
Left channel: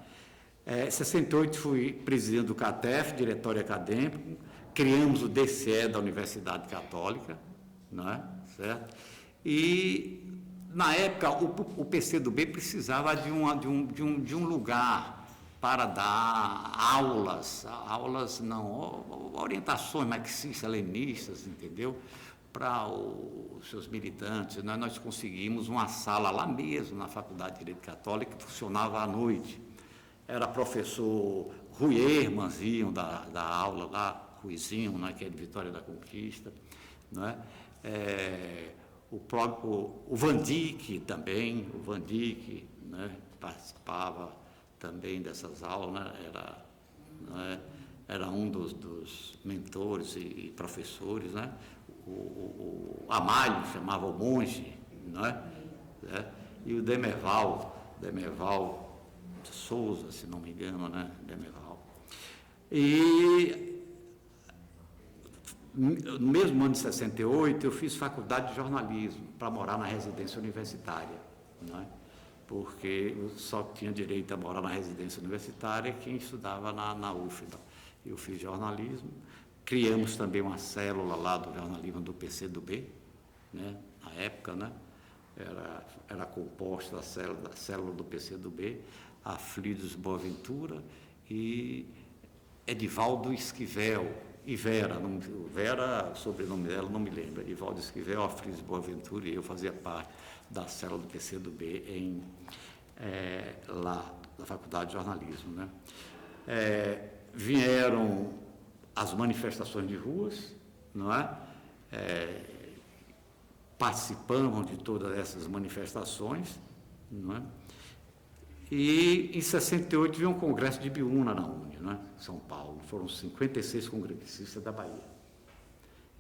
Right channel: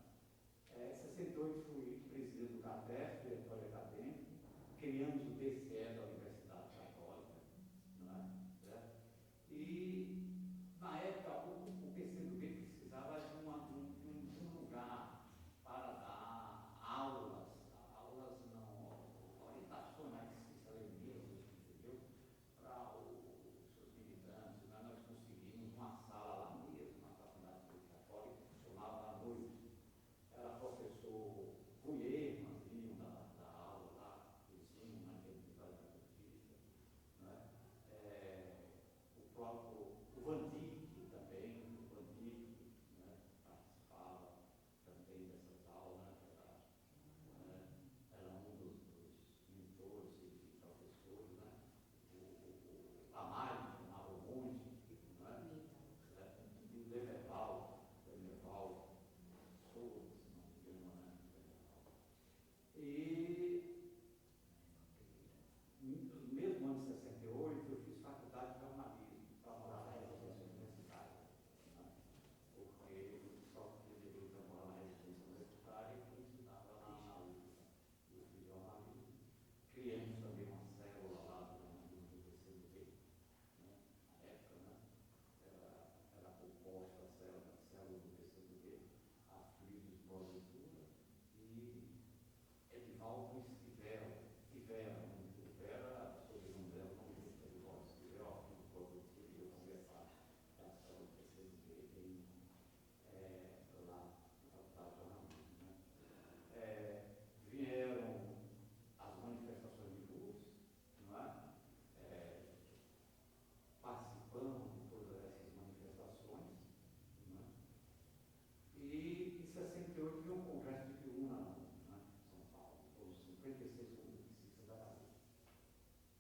Em 68 fui presidente do CATEF, diretório acadêmico, criamos o DCE da Universidade Católica, não é? Certo? E na época, o PCdoB precisava de um lugar para dar aulas não, orientações marxistas-leninistas, entendeu? Para os seus militantes, né? Nós conseguimos uma sala lá mesmo, na Faculdade de Direito Católico, que funcionava à noite. Era professor Rui Hermans iam da aula lá, Ruizinho, né, que é de Vitória da Conquista, não é? O próprio o Van Dyck também, né, participava também dessas aulas, né, era um dos mentores e professores, né? O Amalho chamava o monge, né? E o Demerval de Souza, se não me engano, né? Demerval. E no mesmo ano de 68, eu fiz faculdade de jornalismo para morar na residência universitária, né? Porque eu só tinha direito a morar na residência universitária quem estudava na UFBA. Eu fiz jornalismo, criamos também uma célula lá do jornalismo do PCdoB, né? Na época, né? Era composta a célula do PCdoB, Aflidos Boaventura e Edivaldo Esquivel, e Vera, o sobrenome dela não me lembro, Edivaldo Esquivel, Aflidos Boaventura, e eu fazia parte da célula do PCdoB lá na Faculdade de Jornalismo, né? Vieram as manifestações de ruas, não é? Participamos de todas essas manifestações, não é? E em 68 veio um congresso de Ibiúna na UNE, né? São Paulo, foram 56 congressistas da Bahia.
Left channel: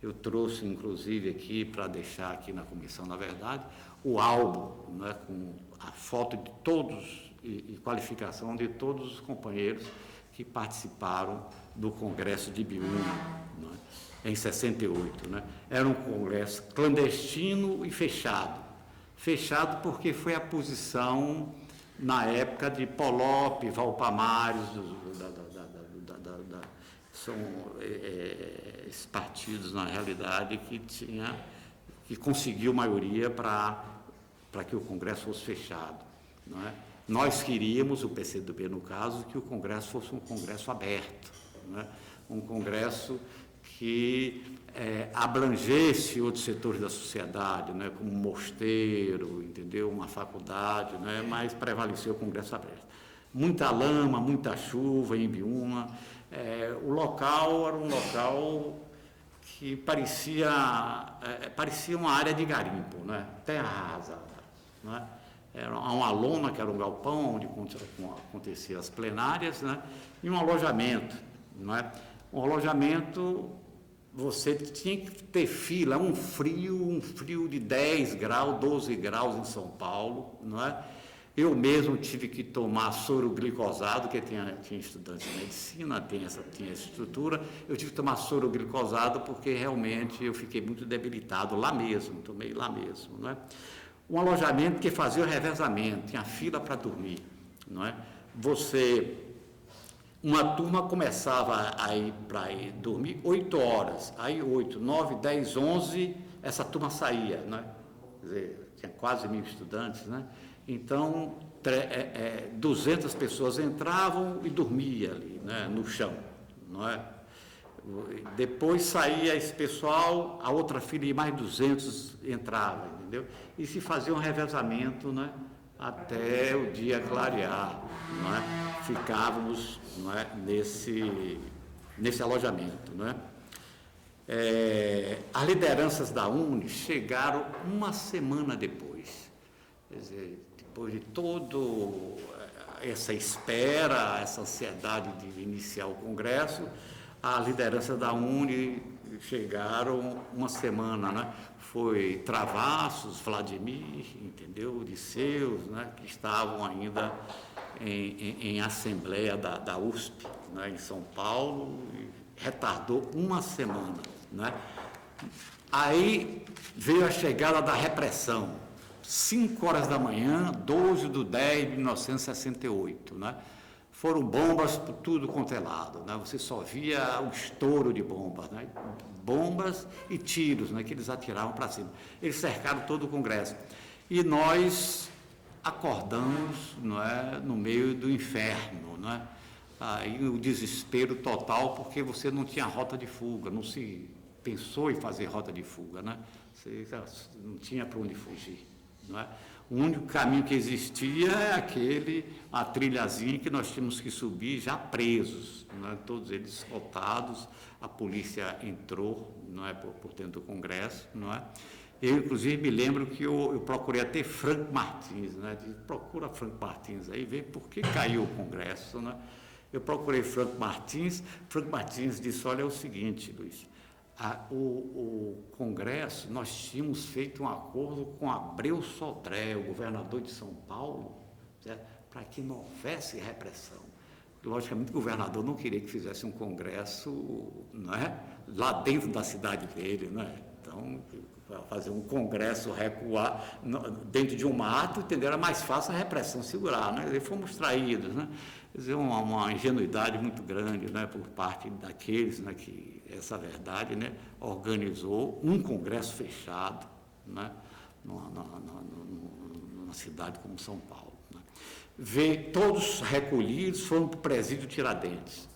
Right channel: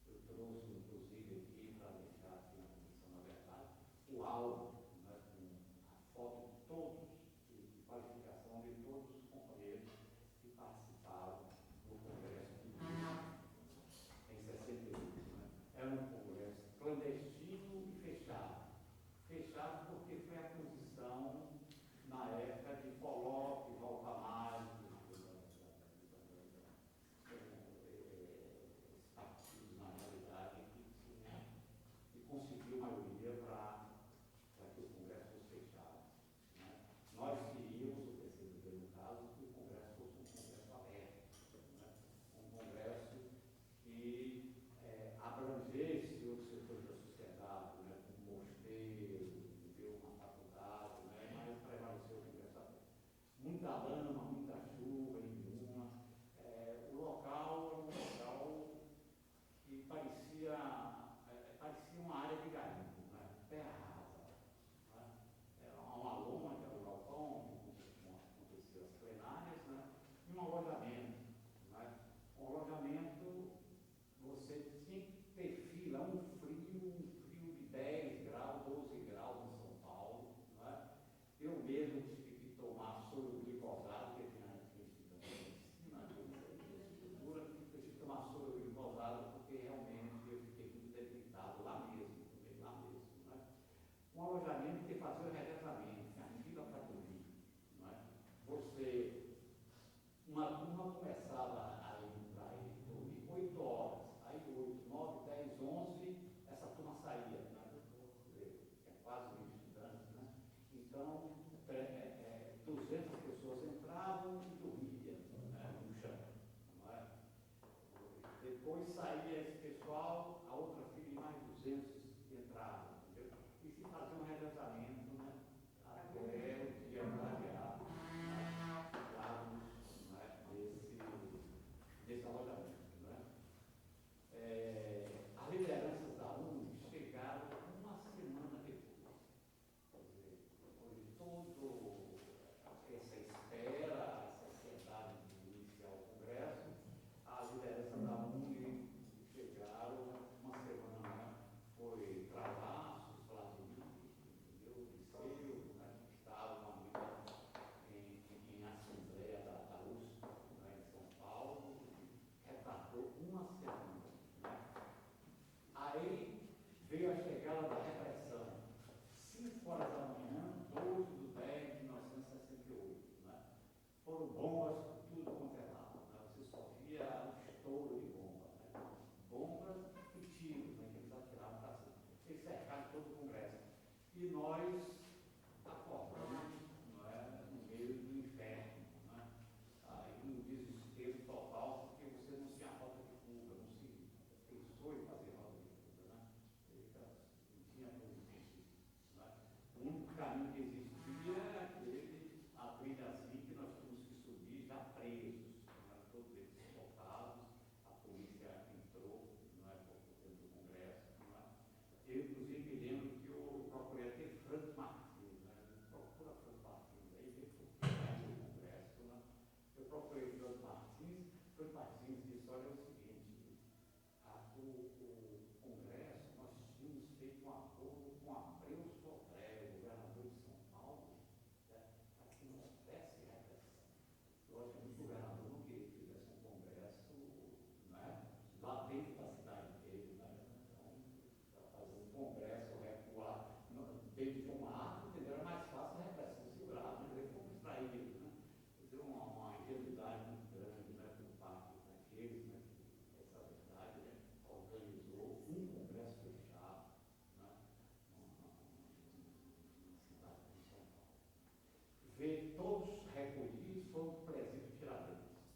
Eu trouxe, inclusive, aqui, para deixar aqui na comissão, na verdade, o álbum, né, com a foto de todos e qualificação de todos os companheiros que participaram do Congresso de Ibiúna, né, em 68. Né? Era um congresso clandestino e fechado. Fechado porque foi a posição, na época, de Polop, Valpamares, são esses partidos, na realidade, que conseguiu maioria para que o Congresso fosse fechado. Não é? Nós queríamos, o PCdoB no caso, que o Congresso fosse um Congresso aberto, não é? Um Congresso que abrangesse outros setores da sociedade, né, como um mosteiro, entendeu? Uma faculdade, né, mas prevaleceu o Congresso aberto. Muita lama, muita chuva em Ibiúna. O local era um local que parecia uma área de garimpo, né? Terra arrasada, né? Era uma lona, que era um galpão onde aconteciam as plenárias, né? E um alojamento, não é? Um alojamento, você tinha que ter fila, um frio de 10 graus, 12 graus em São Paulo, não é? Eu mesmo tive que tomar soro glicosado, porque tinha estudantes de medicina, tinha essa estrutura, eu tive que tomar soro glicosado porque realmente eu fiquei muito debilitado lá mesmo, tomei lá mesmo, não é? Um alojamento que fazia o revezamento, tinha fila para dormir, não é? Uma turma começava a ir para dormir 8 horas, aí 8, 9, 10, 11, essa turma saía, né? Quer dizer, tinha quase 1.000 estudantes, né? Então, 200 pessoas entravam e dormiam ali, né, no chão, não é? Depois saía esse pessoal, a outra fila e mais 200 entrava, entendeu? E se fazia um revezamento, né, até o dia clarear, não é? Ficávamos, não é, nesse alojamento, não é? As lideranças da UNE chegaram uma semana depois, quer dizer, depois de toda essa espera, essa ansiedade de iniciar o Congresso, a liderança da UNE chegaram uma semana, né? Foi Travassos, Vladimir, entendeu? Odisseus, né? Que estavam ainda em assembleia da USP, né? Em São Paulo, e retardou uma semana, né? Aí veio a chegada da repressão, 5 horas da manhã, 12/10 de 1968, né? Foram bombas por tudo quanto é lado, né? Você só via o estouro de bombas, né? Bombas e tiros, né? Que eles atiravam para cima. Eles cercaram todo o Congresso. E nós acordamos, não é, no meio do inferno, não é? Aí o desespero total, porque você não tinha rota de fuga, não se pensou em fazer rota de fuga, né? Você não tinha para onde fugir, não é? O único caminho que existia é a trilhazinha que nós tínhamos que subir já presos, né? Todos eles escoltados, a polícia entrou, não é, por dentro do Congresso, não é? Eu, inclusive, me lembro que eu procurei até Franco Martins, né? Procura Franco Martins aí, vê por que caiu o Congresso, né? Eu procurei Franco Martins disse, olha, é o seguinte, Luiz, o Congresso, nós tínhamos feito um acordo com Abreu Sodré, o governador de São Paulo, para que não houvesse repressão. Logicamente, o governador não queria que fizesse um congresso, não é, lá dentro da cidade dele, não é? Então, fazer um congresso, recuar dentro de um mato, entendeu? Era mais fácil a repressão segurar, né? E fomos traídos, né? Quer dizer, uma ingenuidade muito grande, né, por parte daqueles, né, que essa verdade, né, organizou um congresso fechado, né, numa cidade como São Paulo. Todos recolhidos, foram para o presídio Tiradentes.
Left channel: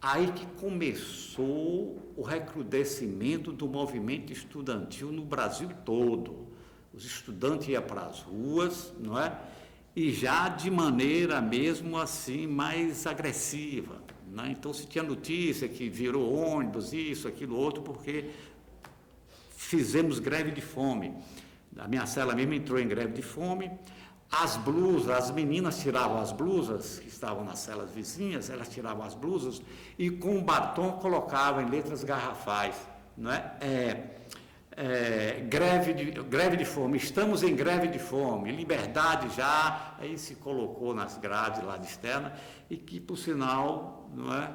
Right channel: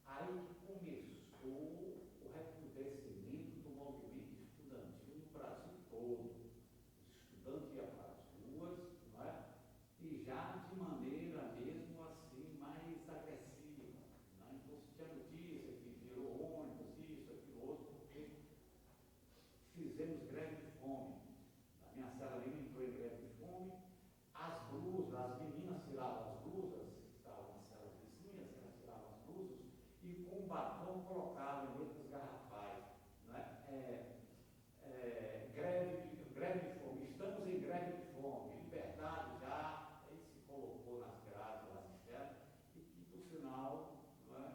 Aí que começou o recrudescimento do movimento estudantil no Brasil todo. Os estudantes iam para as ruas, não é? E já de maneira mesmo assim mais agressiva, né? Então se tinha notícia que virou ônibus, isso, aquilo, outro, porque fizemos greve de fome. A minha cela mesmo entrou em greve de fome. As blusas, as meninas tiravam as blusas, que estavam nas celas vizinhas, elas tiravam as blusas e com batom colocavam em letras garrafais, não é? Greve de fome, estamos em greve de fome, liberdade já, aí se colocou nas grades lá de externa, e que, por sinal, não é?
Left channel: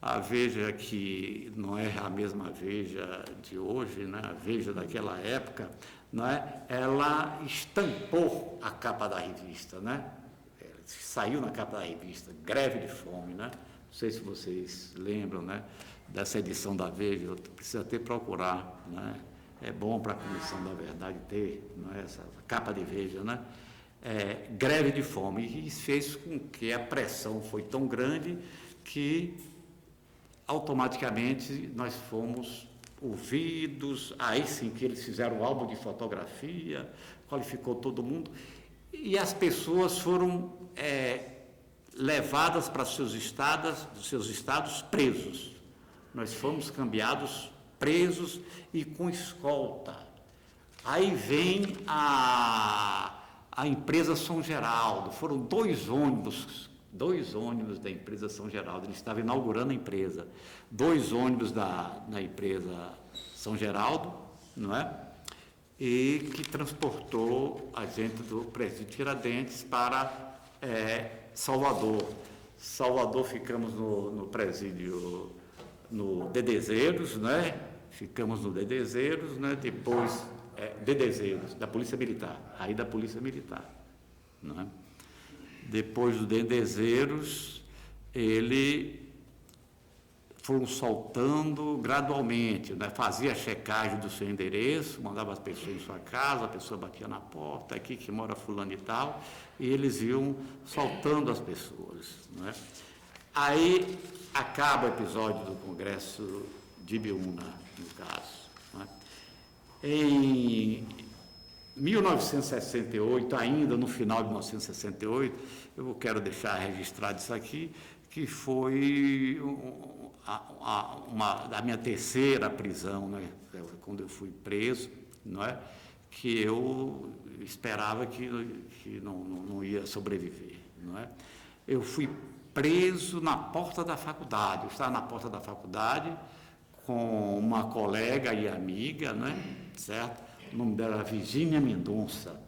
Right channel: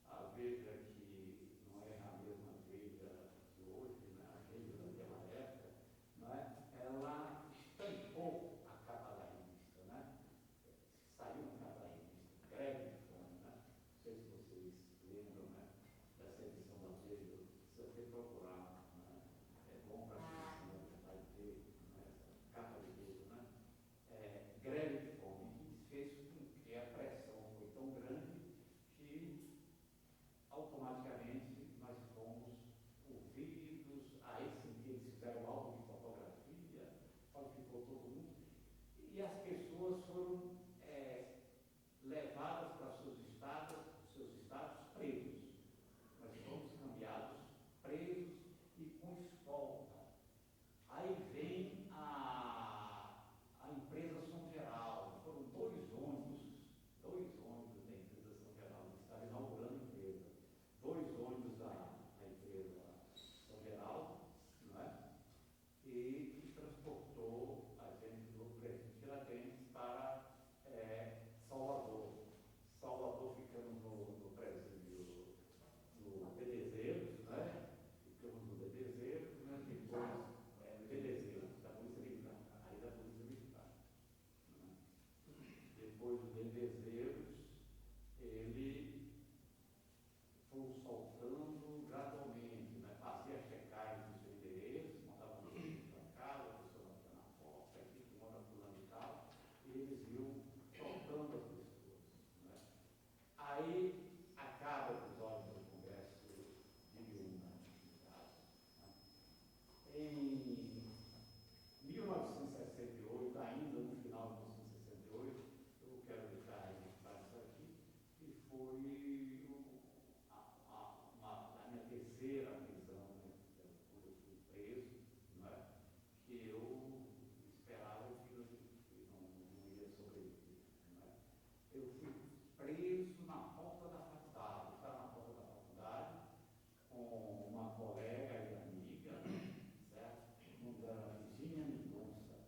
A Veja, que não é a mesma Veja de hoje, né? A Veja daquela época, não é? Ela estampou a capa da revista, né? Saiu na capa da revista, Greve de Fome, né? Não sei se vocês lembram, né, dessa edição da Veja, eu preciso até procurar, né? É bom para a Comissão da Verdade ter, não é, essa capa de Veja, né? Greve de fome, e isso fez com que a pressão foi tão grande que automaticamente nós fomos ouvidos, aí sim que eles fizeram o álbum de fotografia, qualificou todo mundo, e as pessoas foram levadas para seus estados presos. Nós fomos cambiados presos e com escolta. Aí vem a empresa São Geraldo, foram dois ônibus da empresa São Geraldo, ele estava inaugurando a empresa, dois ônibus da empresa São Geraldo, não é? E que transportou a gente do presídio Tiradentes para Salvador. Salvador, ficamos no presídio, no Dedezeiros, né? Ficamos no Dedezeiros, né? Depois, Dedezeiros, da Polícia Militar, aí da Polícia Militar, não é? Depois do Dedezeiros, foram soltando gradualmente, né? Fazia a checagem do seu endereço, mandava as pessoas em sua casa, a pessoa batia na porta, aqui que mora fulano e tal, e eles iam soltando as pessoas, né? Aí acaba o episódio do Congresso de Ibiúna, no caso, né? Em 1968, ainda no final de 1968, eu quero deixar registrado isso aqui, que foi a minha terceira prisão, né? Quando eu fui preso, não é? Que eu esperava que não ia sobreviver, não é? Eu fui preso na porta da faculdade, eu estava na porta da faculdade com uma colega e amiga, não é? Certo? O nome dela era Virgínia Mendonça,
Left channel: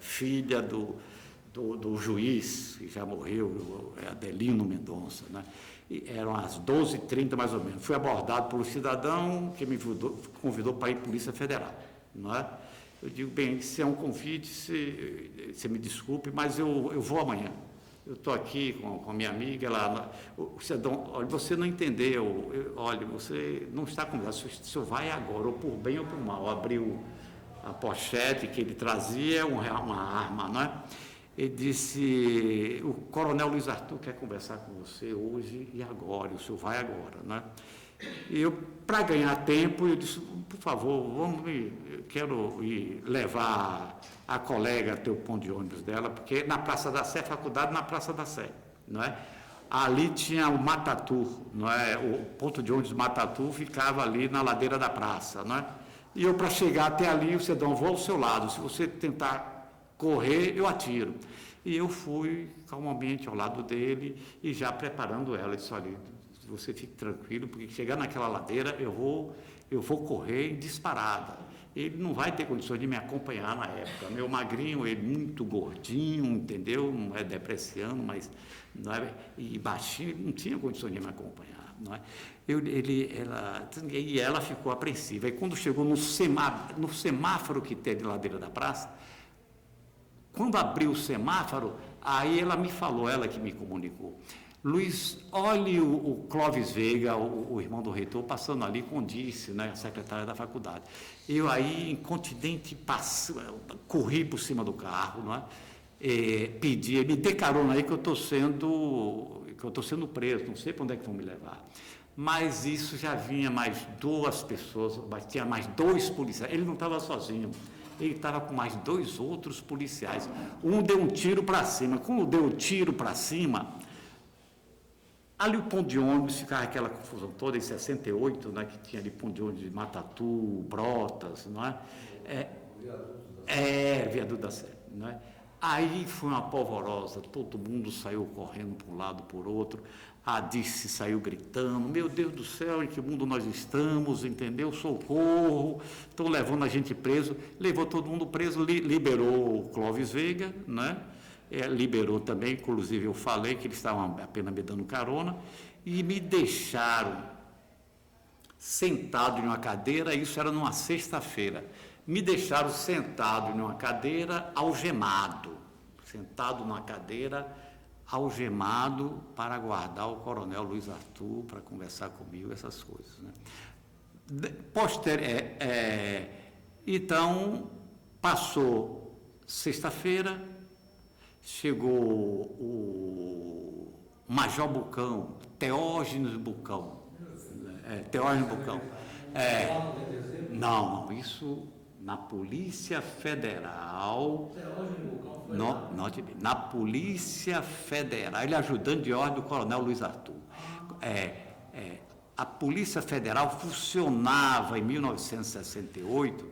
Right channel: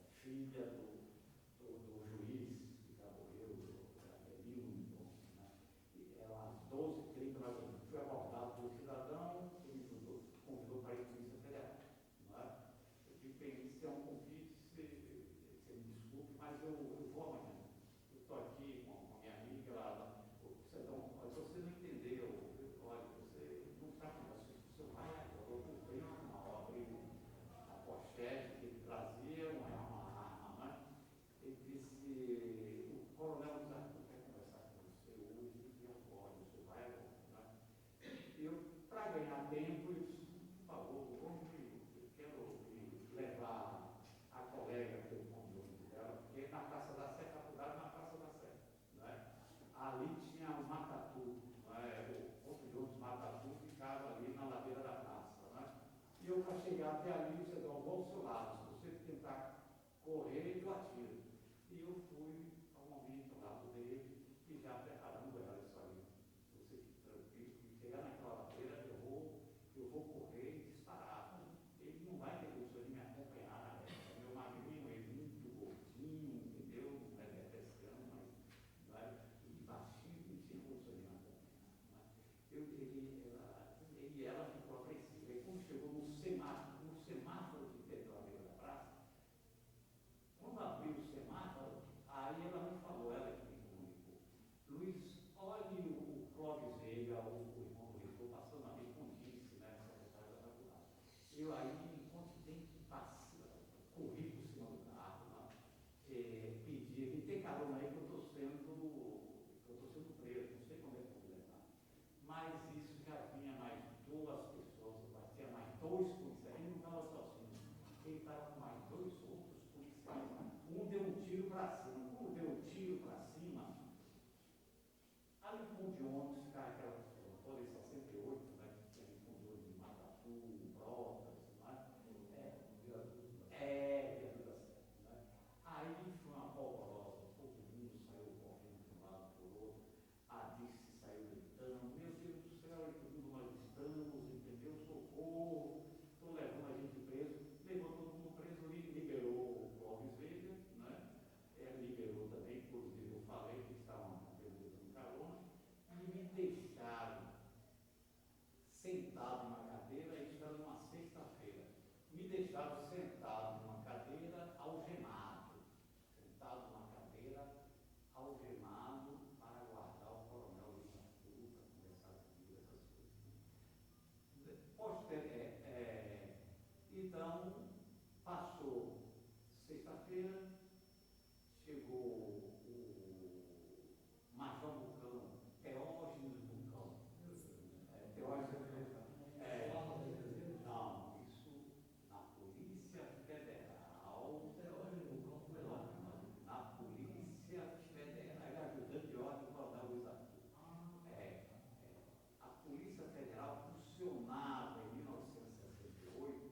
filha do juiz, que já morreu, Adelino Mendonça, né? E eram às 12h30 mais ou menos. Fui abordado por um cidadão que me convidou para ir à Polícia Federal, não é? Eu digo, bem, se é um convite, você me desculpe, mas eu vou amanhã. Eu estou aqui com a minha amiga, o cidadão, olha, você não entendeu, olha, você não está conversando, o senhor vai agora, ou por bem ou por mal. Abriu a pochete que ele trazia, uma arma, não é? Ele disse, o coronel Luiz Arthur quer conversar com você hoje e agora, o senhor vai agora, não é? E eu, para ganhar tempo, eu disse, por favor, eu quero ir levar a colega ter o ponto de ônibus dela, porque na Praça da Sé, faculdade na Praça da Sé, não é? Ali tinha o Matatu, não é? O ponto de ônibus Matatu ficava ali na ladeira da praça, não é? E eu, para chegar até ali, você dá um voo ao seu lado, se você tentar correr, eu atiro. E eu fui calmamente ao lado dele e já preparando ela, disse, olha, você fique tranquilo, porque chegar naquela ladeira eu vou correr em disparada. Ele não vai ter condições de me acompanhar na época. Meu magrinho, ele muito gordinho, entendeu? Não é depreciando, mas não é, e baixinho, ele não tinha condições de me acompanhar, não é? Ela ficou apreensiva. E quando chegou no semáforo que tem de ladeira da praça, quando abriu o semáforo, aí ela me falou, ela que me comunicou, Luiz, olhe o Clóvis Veiga, o irmão do reitor, passando ali com Dice, né, a secretária da faculdade. Eu aí, incontinente, corri por cima do carro, não é? Pedi, me dê carona aí que eu estou sendo preso, não sei para onde é que vão me levar. Mas isso já vinha mais 2 pessoas, tinha mais 2 policiais, ele não estava sozinho. Ele estava com mais 2 outros policiais. Um deu um tiro para cima. Quando deu o tiro para cima, ali o ponto de ônibus, ficava aquela confusão toda, em 68, né, que tinha ali ponto de ônibus de Matatu, Brotas, não é? Viaduto da Sé, não é? Aí foi uma polvorosa, todo mundo saiu correndo para um lado, por outro, a Dice saiu gritando, meu Deus do céu, em que mundo nós estamos, entendeu? Socorro, estão levando a gente preso, levou todo mundo preso, liberou o Clóvis Veiga, né? Liberou também, inclusive eu falei que eles estavam apenas me dando carona, e me deixaram sentado em uma cadeira, isso era numa sexta-feira, me deixaram sentado em uma cadeira, sentado numa cadeira, algemado, para aguardar o coronel Luiz Arthur para conversar comigo, essas coisas, né? Então, passou sexta-feira, chegou o Major Bucão, Teógenes Bucão. Teógenes Bucão. Não, isso na Polícia Federal. Na Polícia Federal, ele ajudante de ordem do coronel Luiz Arthur. A Polícia Federal funcionava em 1968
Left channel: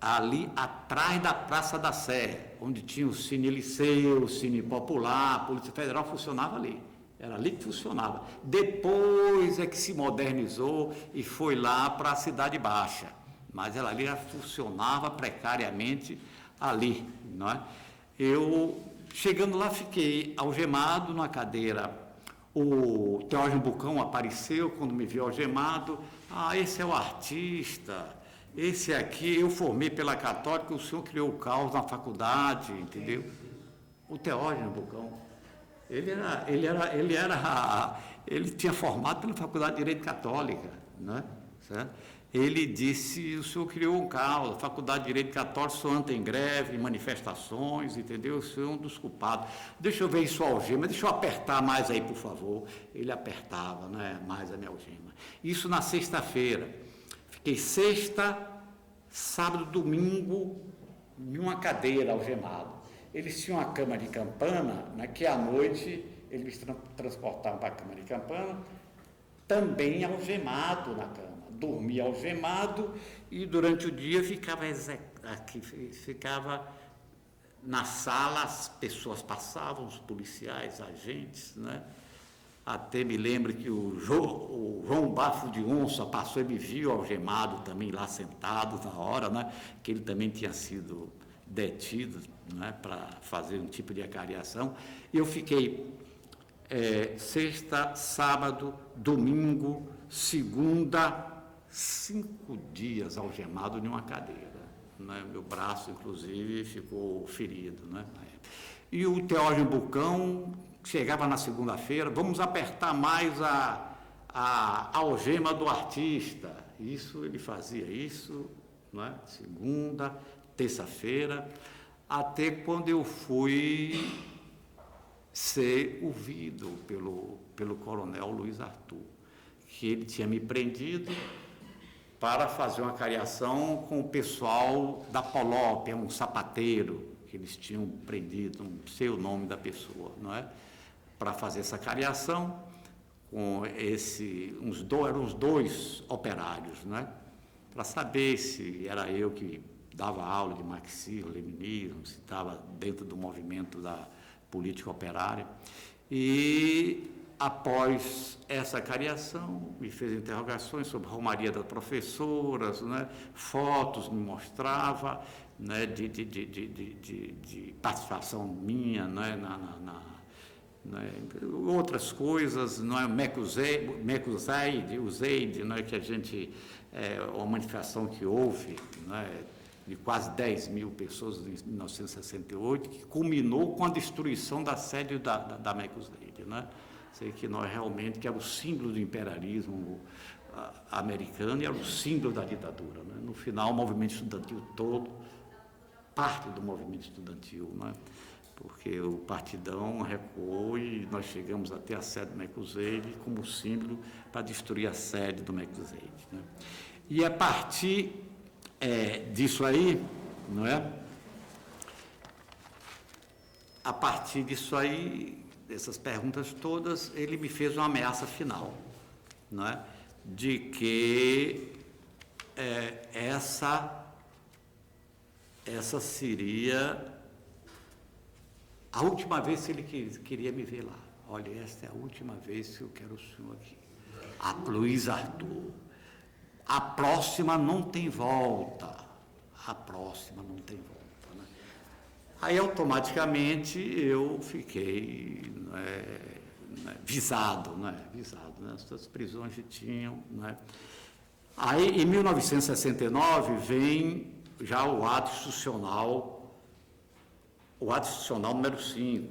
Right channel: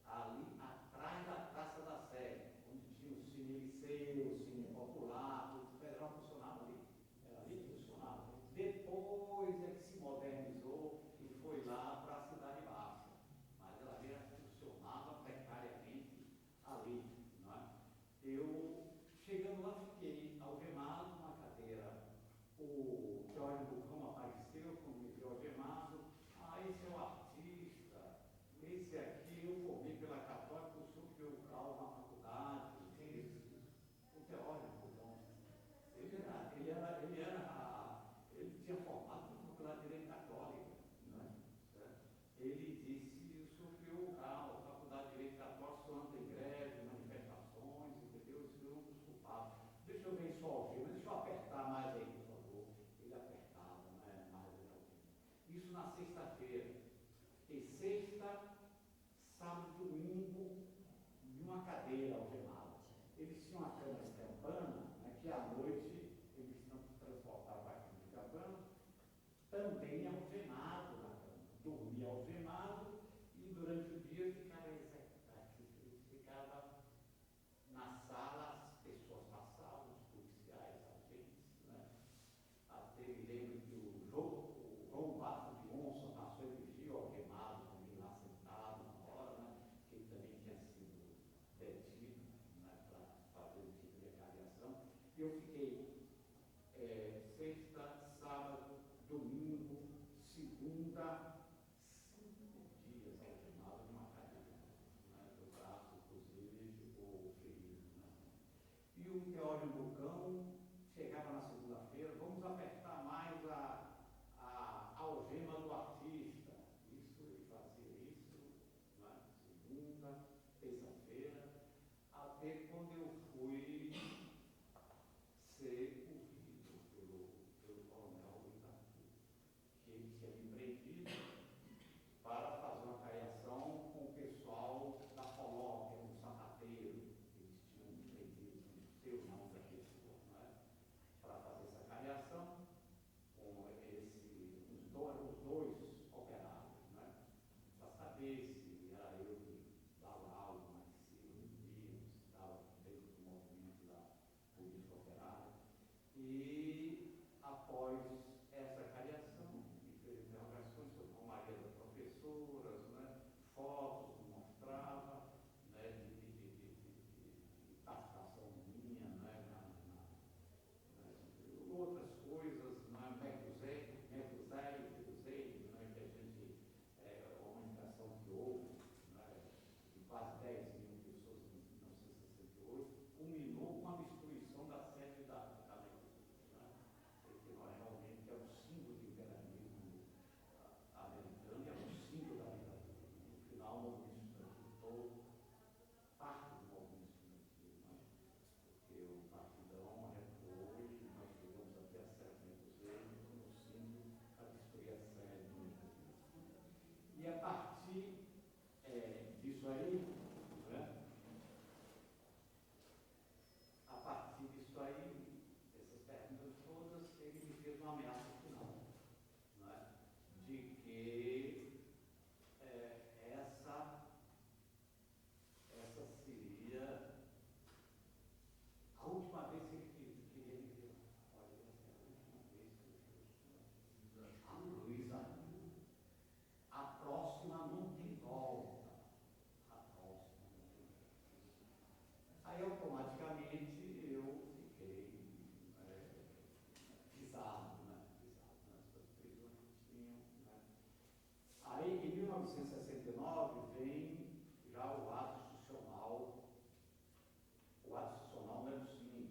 ali atrás da Praça da Sé, onde tinha o Cine Liceu, o Cine Popular, a Polícia Federal funcionava ali. Era ali que funcionava. Depois é que se modernizou e foi lá para a Cidade Baixa. Mas ela ali funcionava precariamente ali, não é? Eu, chegando lá, fiquei algemado numa cadeira. O Teógenes Bucão apareceu quando me viu algemado. Esse é o artista, esse aqui, eu formei pela Católica, o senhor criou o caos na faculdade, entendeu? O Teógenes Bucão. Ele tinha formado pela Faculdade de Direito Católica, né? Certo? Ele disse, o senhor criou um caos, a Faculdade de Direito Católico, o senhor anda em greve, em manifestações, entendeu? O senhor é um dos culpados. Deixa eu ver isso algema, deixa eu apertar mais aí, por favor. Ele apertava, né, mais a minha algema. Isso na sexta-feira. Fiquei sexta, sábado, domingo, em uma cadeira algemado. Eles tinham uma cama de campana, né, que à noite eles transportavam para a cama de campana, também algemado na cama. Dormia algemado e durante o dia ficava na sala, as pessoas passavam, os policiais, agentes, né? Até me lembro que o João Bafo de Onça passou e me viu algemado também lá sentado na hora, né? Que ele também tinha sido detido, né? Para fazer um tipo de acariação. E eu fiquei sexta, sábado, domingo, segunda, 5 dias algemado em uma cadeira, né? Meu braço, inclusive, ficou ferido, né? E o Teógenes Bucão chegava na segunda-feira, vamos apertar mais a algema do artista. Isso, ele fazia isso, né? Segunda, terça-feira, até quando eu fui ser ouvido pelo coronel Luiz Arthur, que ele tinha me prendido para fazer uma cariação com o pessoal da Polop, um sapateiro que eles tinham prendido, não sei o nome da pessoa, não é? Para fazer essa cariação com eram uns dois operários, não é? Para saber se era eu que dava aula de marxismo, leninismo, se estava dentro do movimento da política operária. E após essa cariação, me fez interrogações sobre a romaria das professoras, né? Fotos me mostrava, né? de participação minha, né? Outras coisas, não é? Usaid, não é? Que a gente, uma manifestação que houve, não é? De quase 10 mil pessoas em 1968, que culminou com a destruição da sede da MEC-Usaid, né? Sei que nós realmente, que era o símbolo do imperialismo americano e era o símbolo da ditadura, né? No final, o movimento estudantil todo, parte do movimento estudantil, né? Porque o partidão recuou e nós chegamos até a sede do MEC-Usaid como símbolo para destruir a sede do MEC-Usaid, né? E a partir disso aí, não é? A partir disso aí, dessas perguntas todas, ele me fez uma ameaça final, não é? De que essa seria a última vez que ele queria me ver lá. Olha, esta é a última vez que eu quero o senhor aqui. Luiz Arthur. A próxima não tem volta. A próxima não tem volta, né? Aí, automaticamente, eu fiquei visado, né? Visado, né? Essas prisões que tinham, né? Aí, em 1969, vem já o ato institucional número 5. 68.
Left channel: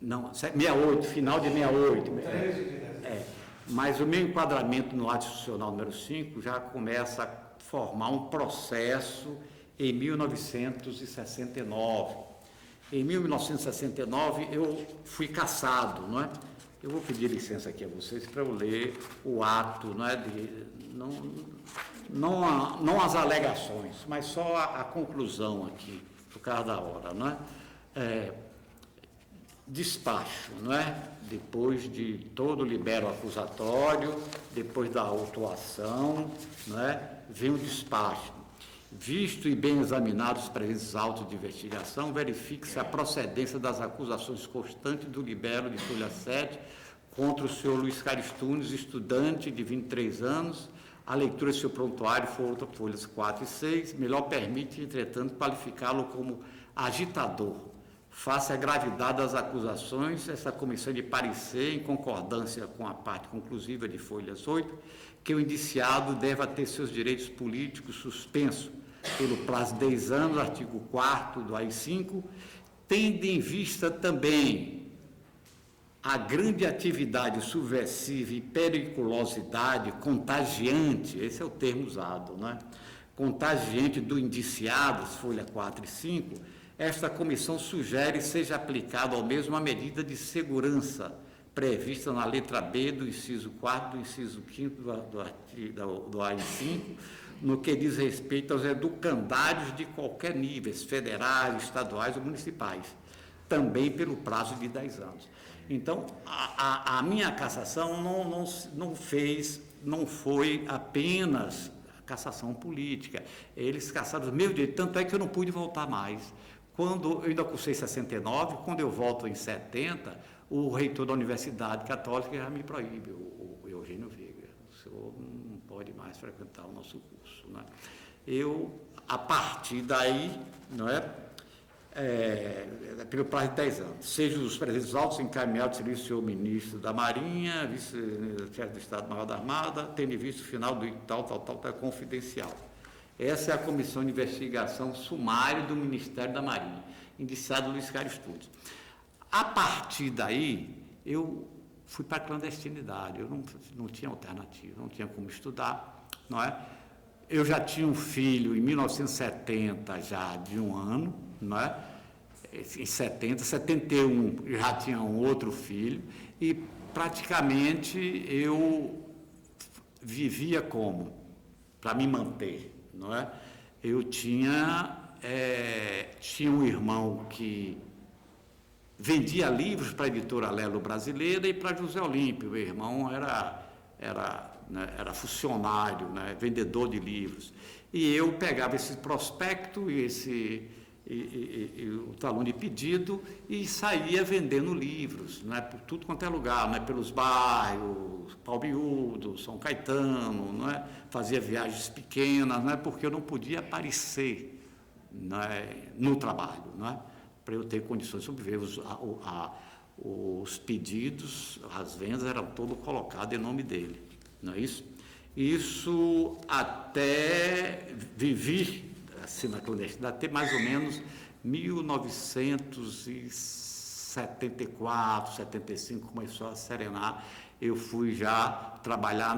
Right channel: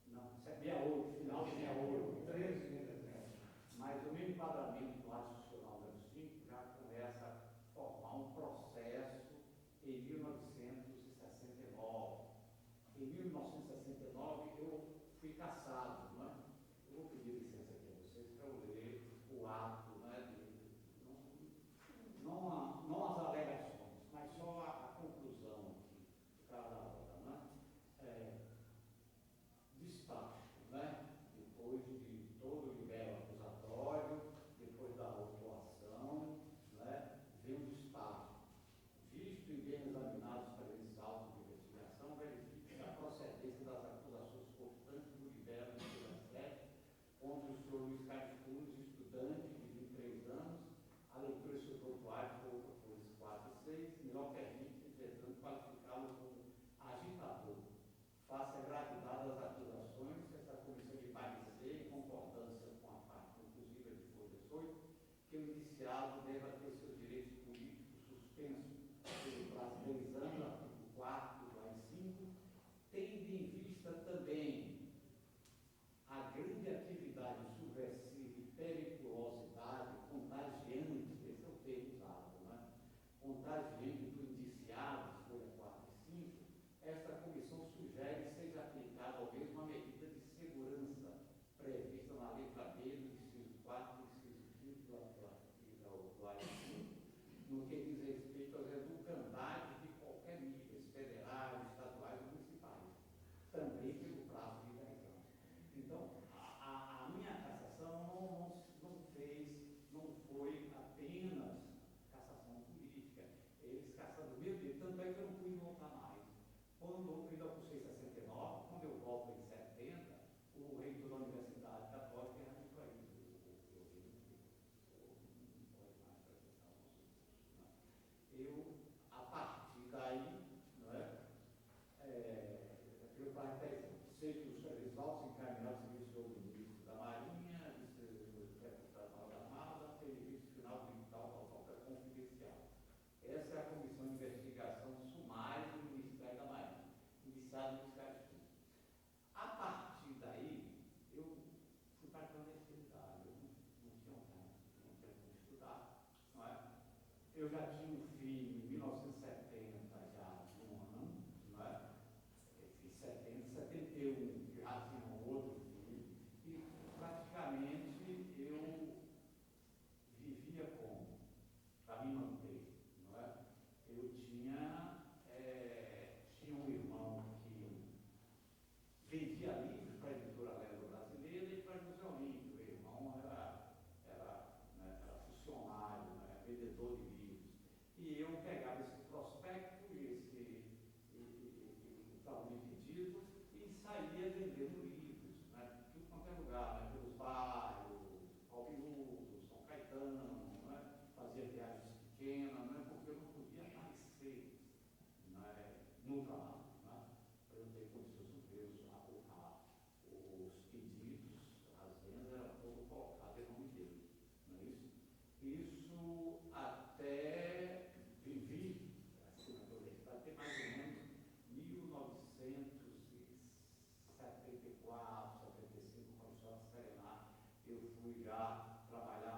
Não, 68, final de 68. Mas o meu enquadramento no ato institucional número 5 já começa a formar um processo em 1969. Em 1969, eu fui cassado, não é? Eu vou pedir licença aqui a vocês para eu ler o ato, não é? Não as alegações, mas só a conclusão aqui, por causa da hora, não é? Despacho, não é? Depois de todo o libero acusatório, depois da autuação, não é? Vem o despacho. Visto e bem examinados os presentes autos de investigação, verifique-se a procedência das acusações constantes do libero de folha 7 contra o senhor Luiz Carlos Tunes, estudante de 23 anos. A leitura de seu prontuário for folhas 4 e 6, melhor permite, entretanto, qualificá-lo como agitador. Face à gravidade das acusações, essa comissão de parecer, em concordância com a parte conclusiva de folhas 8, que o indiciado deva ter seus direitos políticos suspensos pelo prazo de 10 anos, artigo 4º do AI-5, tendo em vista também a grande atividade subversiva e periculosidade contagiante, esse é o termo usado, né? Contagiante do indiciado, folha 4 e 5, esta comissão sugere seja aplicada ao mesmo a medida de segurança prevista na letra B do inciso 4 do inciso 5º do AI-5, no que diz respeito aos educandários de qualquer nível, federais, estaduais ou municipais, também pelo prazo de 10 anos. Então, a minha cassação não foi apenas cassação política, eles cassaram os meus direitos, tanto é que eu não pude voltar mais. Quando eu ainda cursei 69, quando eu volto em 70, o reitor da Universidade Católica já me proíbe, o Eugênio Veiga, o senhor não pode mais frequentar o nosso curso, né? Eu, a partir daí, não é? Pelo prazo de 10 anos, seja os presentes autos encaminhados ao senhor ministro da Marinha, vice-chefe do Estado-Maior da Armada, tendo visto o final do tal, confidencial. Essa é a comissão de investigação sumária do Ministério da Marinha, indiciado Luiz Carlos Tunes. A partir daí, eu fui para a clandestinidade, eu não tinha alternativa, não tinha como estudar, não é? Eu já tinha um filho em 1970, já de 1 ano, não é? Em 70, 71 já tinha um outro filho, e praticamente eu vivia como? para me manter, não é? Eu tinha um irmão que vendia livros para a editora Lelo Brasileira e para José Olímpio. O irmão era funcionário, né, vendedor de livros. E eu pegava esse prospecto e o talão de pedido e saía vendendo livros, né, por tudo quanto é lugar, né, pelos bairros, Palmiúdo, São Caetano, né, fazia viagens pequenas, né, porque eu não podia aparecer, né, no trabalho, né, para eu ter condições de sobreviver. Os pedidos, as vendas eram todas colocadas em nome dele, não é isso? Isso até vivi assim na clandestinidade, até mais ou menos 1974, 75, começou a serenar. Eu fui já trabalhar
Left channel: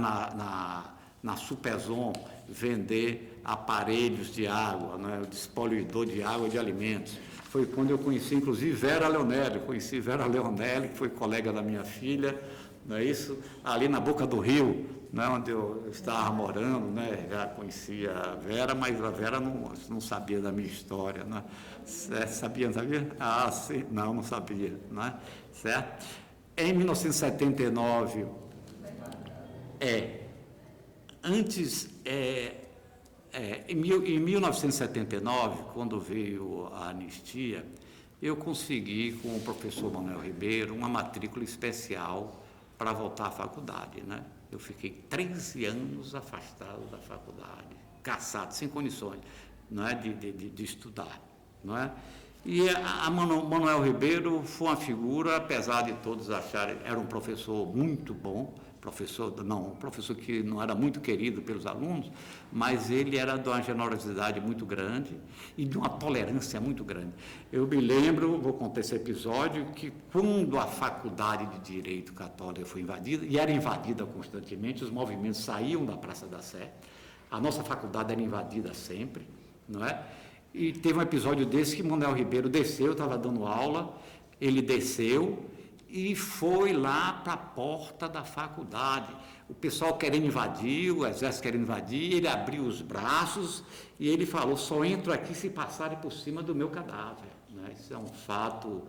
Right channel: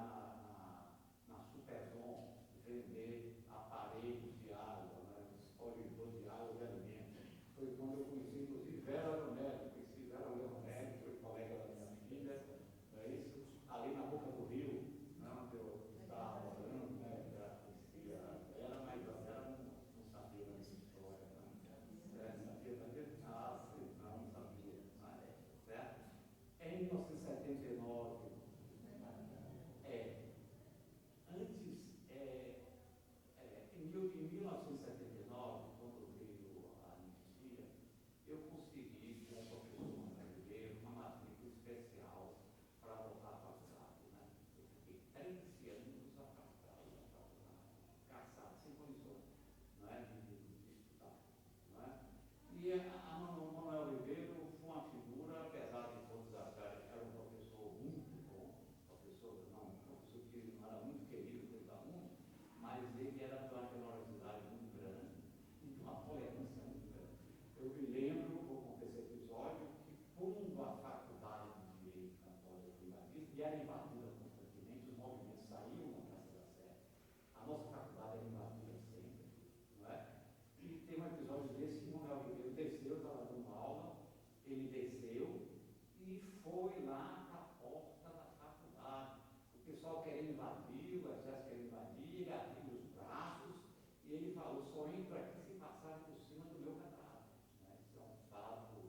na Superzon, vender aparelhos de água, né, o despoluidor de água e de alimentos. Foi quando eu conheci, inclusive, Vera Leonelli. Conheci Vera Leonelli, que foi colega da minha filha, não é isso? Ali na Boca do Rio, né, onde eu estava morando, né, já conhecia a Vera, mas a Vera não sabia da minha história, né? Sabia? Ah, sim, não sabia, né? Certo? Em 1979, em 1979, quando veio a anistia, eu consegui, com o professor Manuel Ribeiro, uma matrícula especial para voltar à faculdade, né? Eu fiquei 13 anos afastado da faculdade, caçado, sem condições, não é, de estudar, não é? E a Manuel Ribeiro foi uma figura, apesar de todos acharem, era um professor muito bom, um professor que não era muito querido pelos alunos, mas ele era de uma generosidade muito grande e de uma tolerância muito grande. Eu me lembro, vou contar esse episódio, que quando a Faculdade de Direito Católica foi invadida, e era invadida constantemente, os movimentos saíam da Praça da Sé, a nossa faculdade era invadida sempre, não é? E teve um episódio desse que Manuel Ribeiro desceu, eu estava dando aula, ele desceu e foi lá para a porta da faculdade. O pessoal querendo invadir, o exército querendo invadir, ele abriu os braços e ele falou: só entro aqui se passarem por cima do meu cadáver. Né? Isso é um fato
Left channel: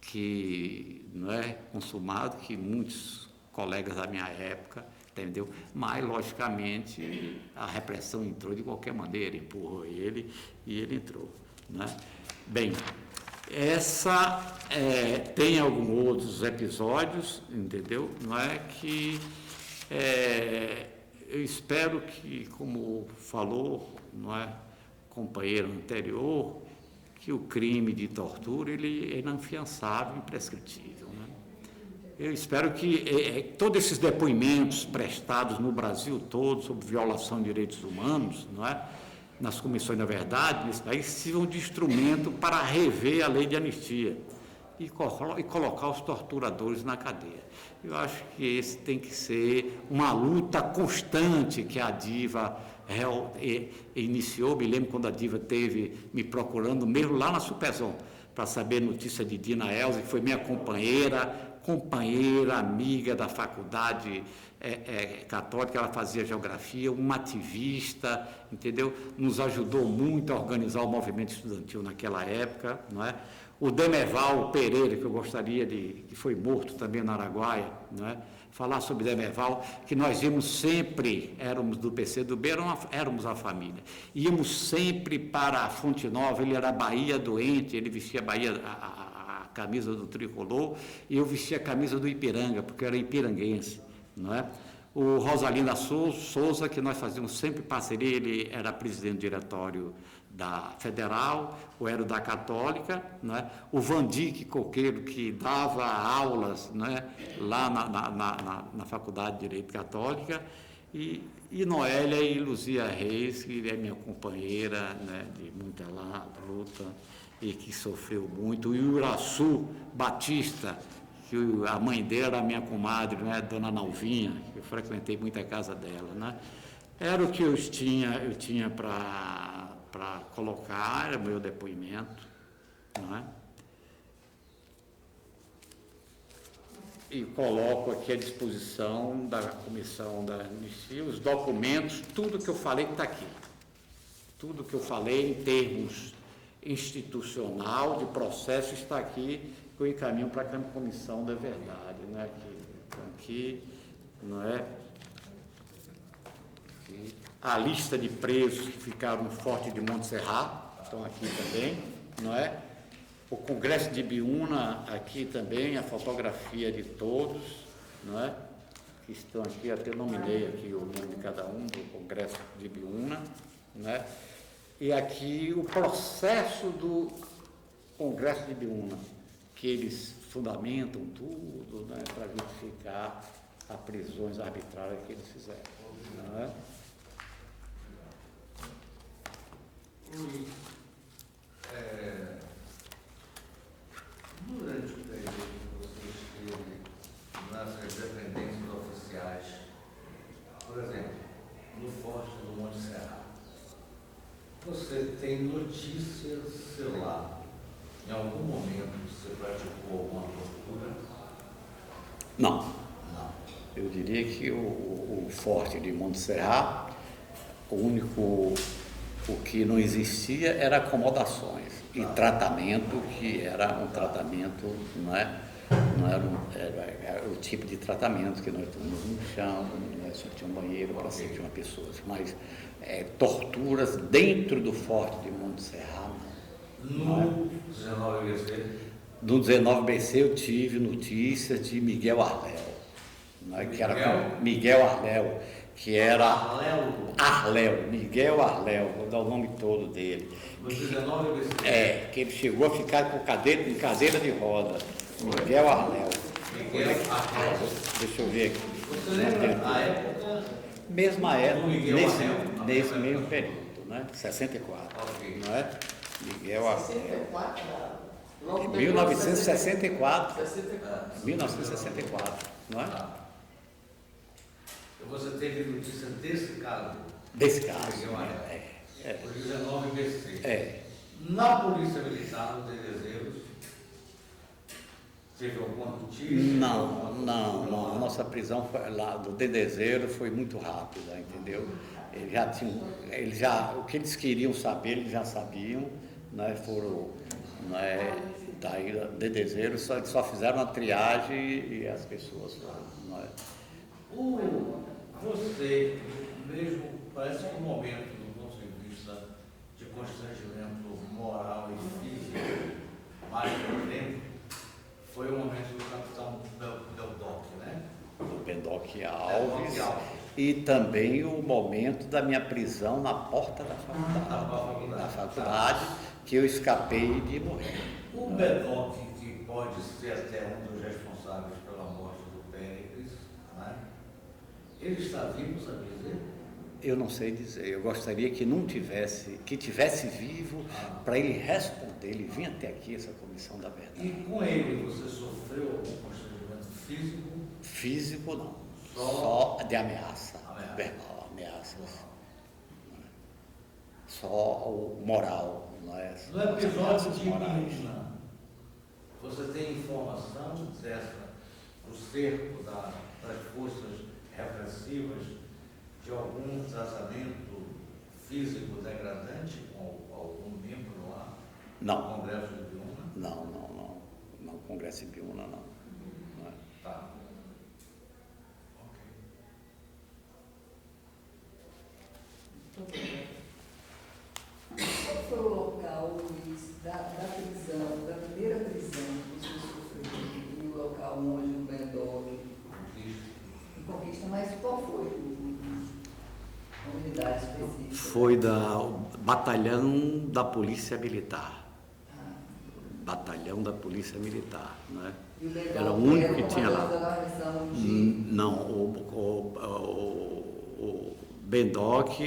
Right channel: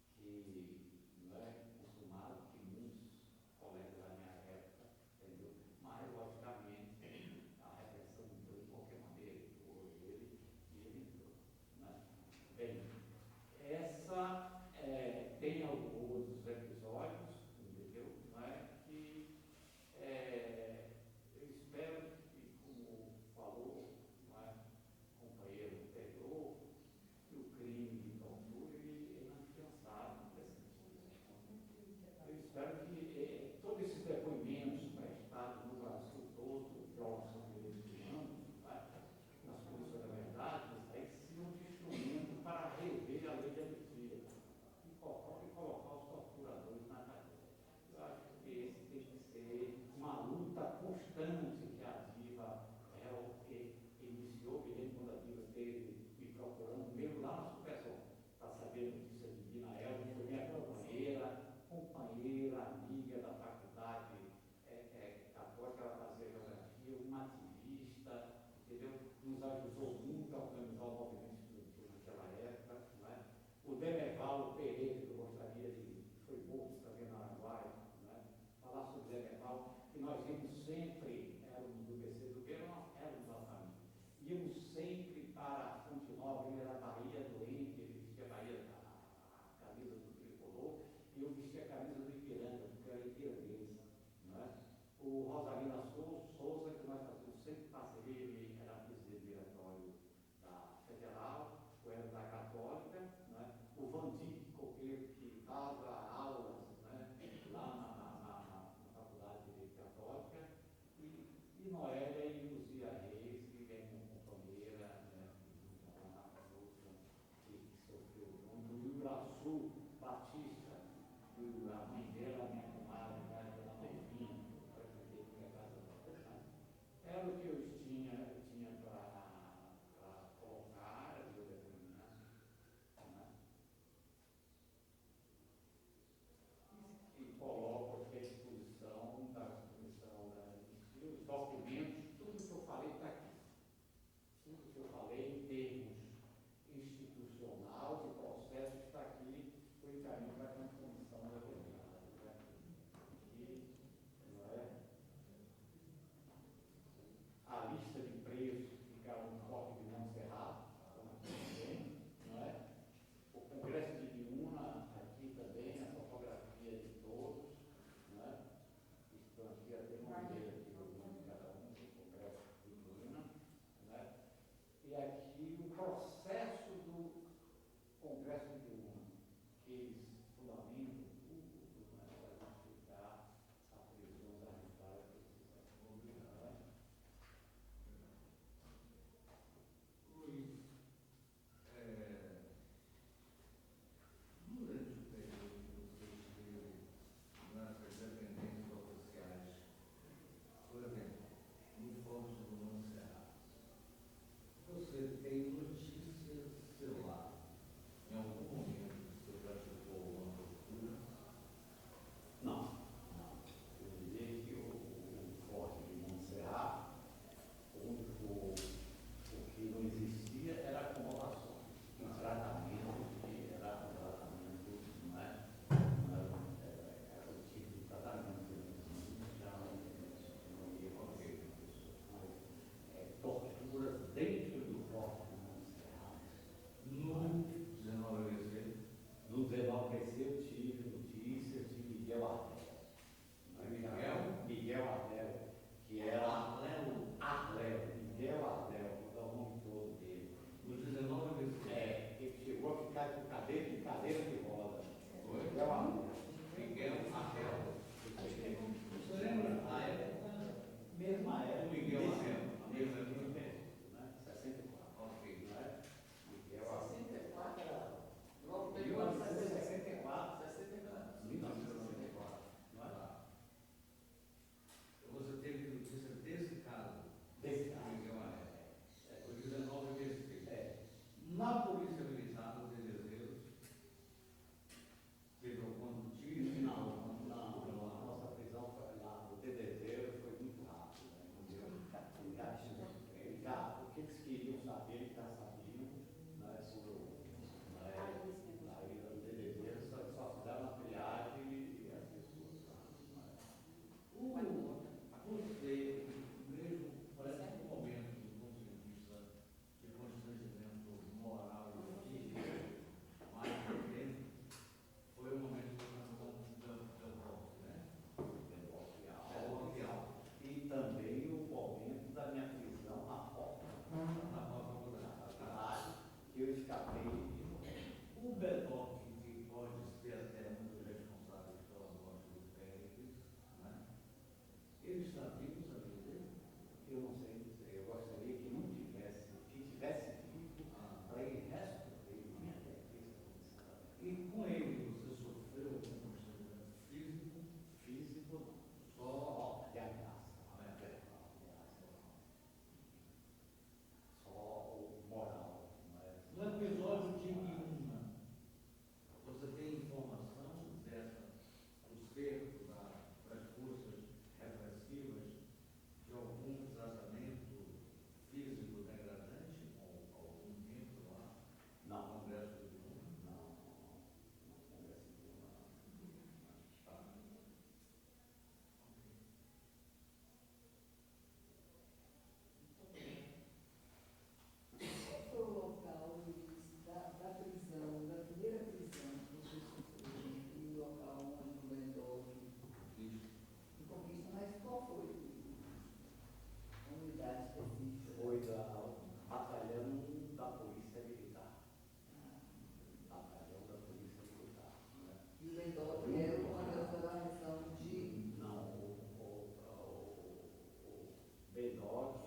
que não é consumado, que muitos colegas da minha época, entendeu? Mas, logicamente, a repressão entrou de qualquer maneira, empurrou ele e ele entrou. Né? Bem, tem alguns outros episódios, entendeu? Não é que eu espero que, como falou, não é, companheiro anterior, que o crime de tortura ele é inafiançável, imprescritível. Né? Eu espero que todos esses depoimentos prestados no Brasil todo sobre violação de direitos humanos, não é, nas comissões da verdade, nesse país, sirvam de instrumento para rever a lei de anistia e colocar os torturadores na cadeia. Eu acho que esse tem que ser uma luta constante que a Diva iniciou. Me lembro quando a Diva esteve me procurando, mesmo lá na Superzon, para saber notícia de Dina Elza, que foi minha companheira, amiga da faculdade católica, ela fazia geografia, uma ativista, entendeu? Nos ajudou muito a organizar o movimento estudantil naquela época, não é? O Demerval Pereira, que eu gostaria que foi morto também na Araguaia, não é? Falar sobre Demerval, que nós íamos sempre, éramos do PCdoB, éramos a família, íamos sempre para a Fonte Nova, ele era Bahia doente, ele vestia a camisa do tricolor, e eu vestia a camisa do Ipiranga, porque eu era ipiranguense, não é? O Rosalinda Souza, que nós fazíamos sempre parceria, ele era presidente do diretório da Federal, ou era da Católica, não é? O Vandique Coqueiro, que dava aulas, não é? Lá na Faculdade de Direito Católica, e Noélia e Luzia Reis, que é minha companheira, né, de muita luta, e que sofreu muito, e o Iraçu Batista, que a mãe dela era minha comadre, né, Dona Nalvinha, que eu frequentei muito a casa dela, né? Era o que eu tinha para colocar, era meu depoimento, não é? e coloco aqui à disposição da Comissão da Anistia os documentos, tudo que eu falei está aqui. Tudo que eu falei em termos institucional, de processo, está aqui, que eu encaminho para a Comissão da Verdade. Né? Aqui, não é? Aqui. A lista de presos que ficaram no Forte de Montserrat, estão aqui também, não é? O Congresso de Ibiúna, aqui também, a fotografia de todos, não é? Que estão aqui, até nominei aqui o nome de cada um do Congresso de Ibiúna, não é? E aqui o processo do Congresso de Ibiúna, que eles fundamentam tudo, né, para justificar as prisões arbitrárias que eles fizeram, não é? Durante o período que você esteve nas dependências oficiais, por exemplo, no Forte do Monte Serra, você tem notícias, sei lá, em algum momento você praticou alguma tortura? Não. Não. Eu diria que o Forte de Montserrat, o que não existia era acomodações e tratamento, que era um tratamento, não era o tipo de tratamento que nós tínhamos no chão, né, só tinha um banheiro para 101 pessoas, mas torturas dentro do Forte de Montserrat. No 19BC? No 19BC eu tive notícias de Miguel Arléu, né, que era Miguel Arléu, que era Miguel Arléu, vou dar o nome todo dele. No 19BC? Que ele chegou a ficar em cadeira de roda. Miguel Arléu. Miguel Arléu. Deixa eu ver aqui. Você lembra a época? Mesma época, Arléu, nesse mesmo período, né? 64. Okay. Não é? Miguel Arléu. 64? Em 1964. 1964, não é? Você teve notícia desse caso? Desse caso. Miguel Arléu. O 19BC. Na Polícia Militar, no Dedezeiros, teve alguma notícia? Não. A nossa prisão lá do Dedezeiro foi muito rápida, entendeu? O que eles queriam saber, eles já sabiam, né? Daí Dedezeiro só fizeram a triagem e as pessoas foram, não é? Você mesmo, parece que um momento, do ponto de vista de constrangimento moral e físico, mais violento, foi o momento do capitão Beldoc, né? Do Bendoc Alves. E também o momento da minha prisão na porta da faculdade, que eu escapei de morrer. O Beldoc, que pode ser até um dos responsáveis pela morte do Péricles, né? Ele está vivo, sabe dizer? Eu não sei dizer. Eu gostaria que tivesse vivo para ele responder. Ele vinha até aqui, essa Comissão da Verdade. E com ele você sofreu algum constrangimento físico? Físico não. Só de ameaça. Verbal, ameaças. Só o moral, não é? No episódio de Ibiúna, você tem informação do cerco das forças repressivas de algum tratamento físico degradante com algum membro lá? Não. No Congresso de Ibiúna? Não. No Congresso de Ibiúna, não. Tá. Qual foi o local, Luiz, da prisão, da primeira prisão que você sofreu? E o local onde o Bendoc conquista, mas qual foi a unidade específica? Foi do Batalhão da Polícia Militar. Batalhão da Polícia Militar, né? E o Bendoc Era o único que tinha lá. da guarnição de... Não, o Bendoc,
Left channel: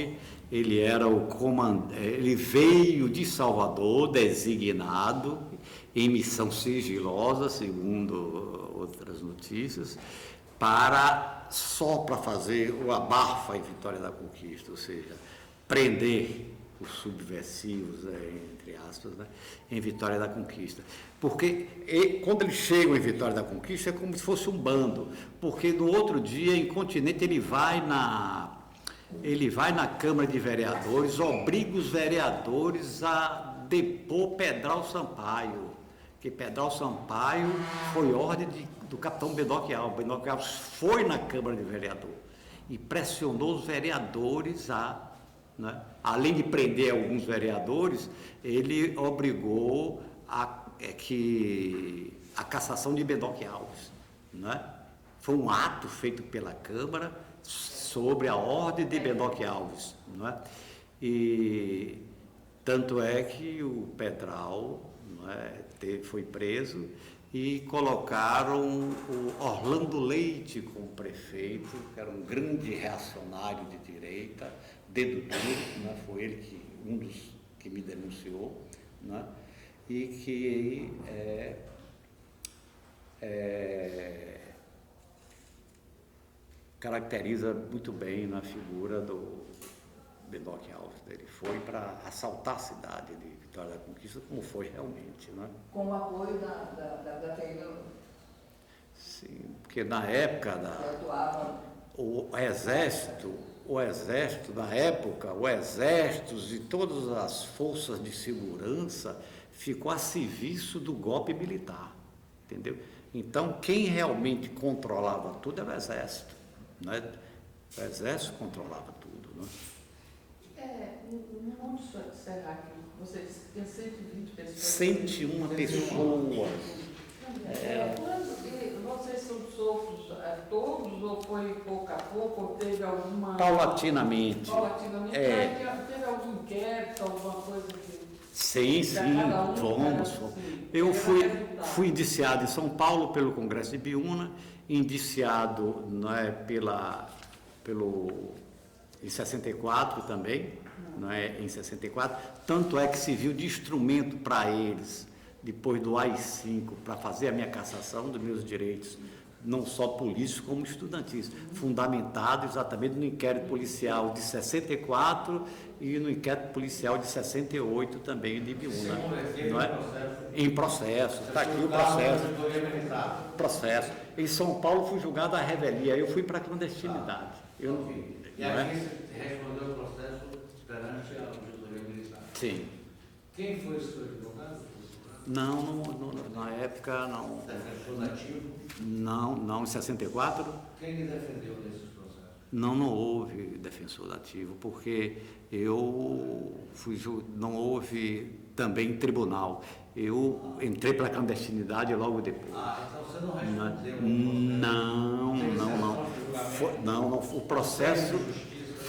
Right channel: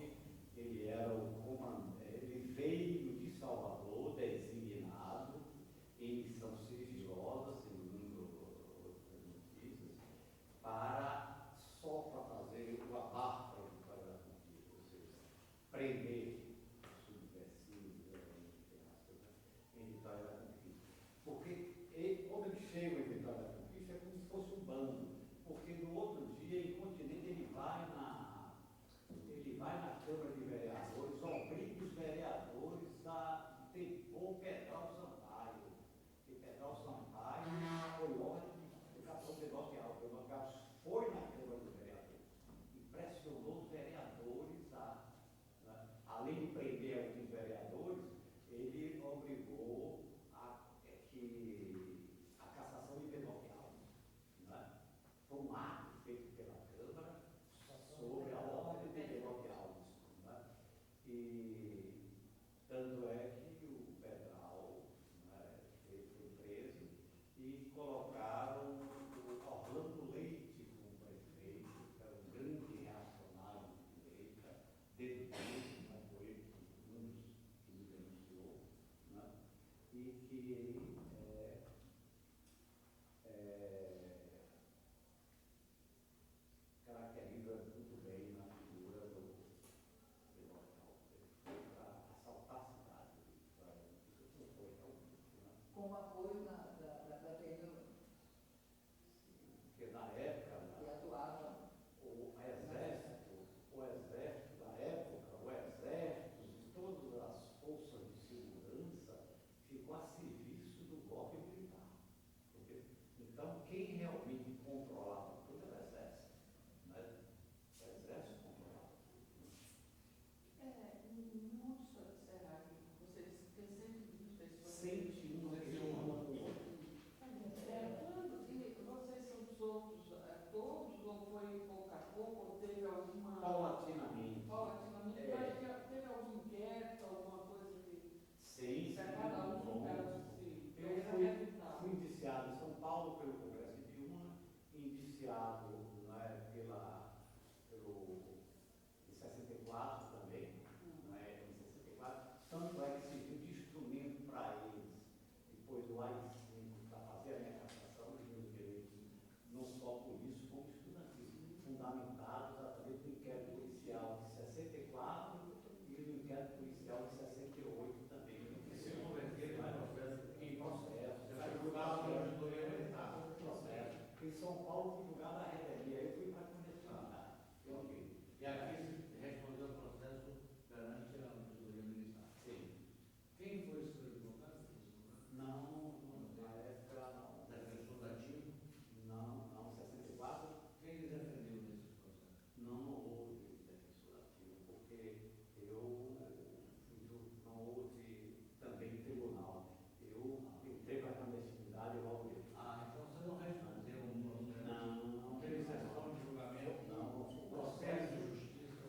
ele era o comandante, ele veio de Salvador, designado em missão sigilosa, segundo outras notícias, só para fazer o abafa em Vitória da Conquista, ou seja, prender os subversivos, entre aspas, né, em Vitória da Conquista. Porque quando eles chegam em Vitória da Conquista é como se fosse um bando, porque no outro dia, em Continente, ele vai na Câmara de Vereadores, obriga os vereadores a depor Pedral Sampaio, que Pedral Sampaio foi ordem do capitão Bedoque Alves. Bedoque Alves foi na Câmara de Vereadores e pressionou os vereadores né, além de prender alguns vereadores, ele obrigou a cassação de Bedoque Alves. Né? Foi um ato feito pela Câmara sobre a ordem de Bedoque Alves. Né? E tanto é que o Pedral, né, foi preso e colocaram o Orlando Leite como prefeito, que era um grande reacionário de direita, dedo duro, né? Foi ele um dos que me denunciou, né? E que caracteriza muito bem na figura do Bedoque Alves. Ele foi para assaltar a cidade de Vitória da Conquista, como foi realmente, né? Com o apoio da Taylor. Sim, porque na época o exército na época, o exército e todas as forças de segurança ficou a serviço do golpe militar, entendeu? Então, quem realmente controlava tudo era o exército, né? O exército controlava tudo, né? No Monte Serra, você disse que tem 120 pessoas. 101 pessoas. Vocês são soltos todos, ou foi pouco a pouco, ou teve alguma... Paulatinamente. Teve algum inquérito, alguma coisa que... Sim, vamos. Eu fui indiciado em São Paulo pelo Congresso de Biúna, indiciado, né, em 64 também, né, em 64, tanto é que serviu de instrumento para eles, depois do AI-5, para fazer a minha cassação dos meus direitos, não só políticos como estudantis, fundamentado exatamente no inquérito policial de 64 e no inquérito policial de 68 também de Biúna. Não é? Em processo, está aqui o processo. Em São Paulo fui julgado à revelia, eu fui para a clandestinidade. E aqui você respondeu o processo perante a auditoria militar? Sim. Quem foi o seu advogado? Não, na época não. Defensor nativo? Não, em 64. Quem lhe defendeu nesses processos? Não houve defensor ativo, porque não houve também tribunal. Eu entrei para a clandestinidade logo depois. Então você não respondeu? Não. O processo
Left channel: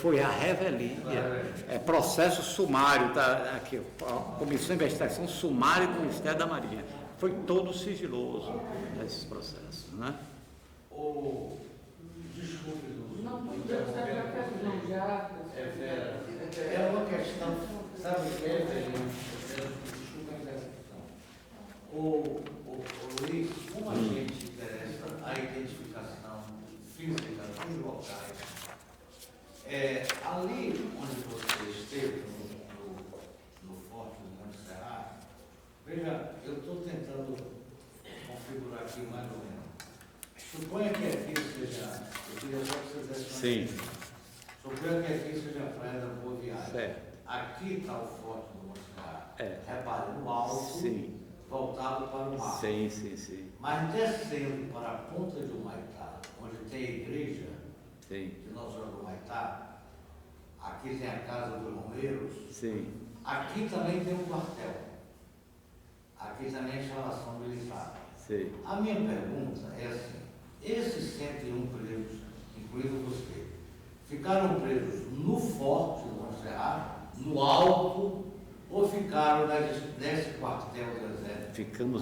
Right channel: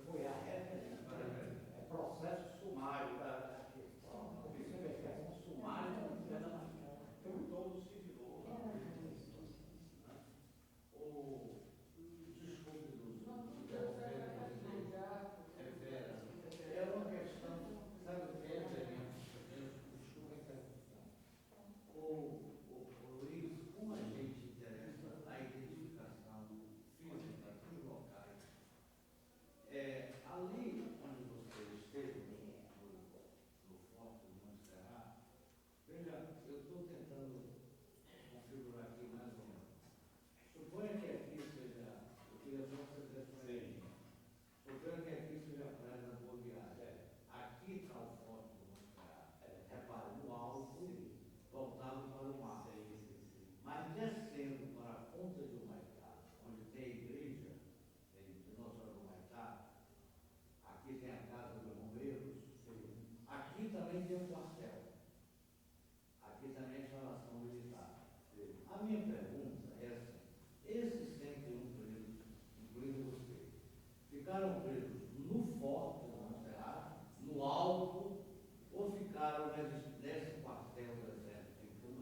foi a revelia. É processo sumário, tá aqui, a Comissão de Investigação Sumária do Ministério da Marinha. Foi todo sigiloso nesses processos, né? Desculpe, Não, já. É uma questão, sabe o que é, desculpa a interrupção. Luiz, como a gente interessa a identificação física dos locais, ali onde você esteve, no Forte do Monte Serra, veja, eu estou tentando configurar aqui mais ou menos. Suponha que aqui seja, eu queria só que você desse uma Sim. Suponha que aqui seja a Praia da Boa Viagem. Certo. Aqui está o Forte do Monte Serra. Repare, no alto, Sim. voltado para o mar. Sim. Mas descendo para a ponta do Humaitá, onde tem a igreja Sim. de Nossa Senhora do Humaitá, aqui tem a Casa dos Romeiros, Sim. aqui também tem um quartel. Aqui também é a instalação militar. Sim. A minha pergunta é assim, esses 101 presos, incluindo você, ficaram presos no Forte do Monte Serra, no alto, ou ficaram nesse quartel do Exército? Ficamos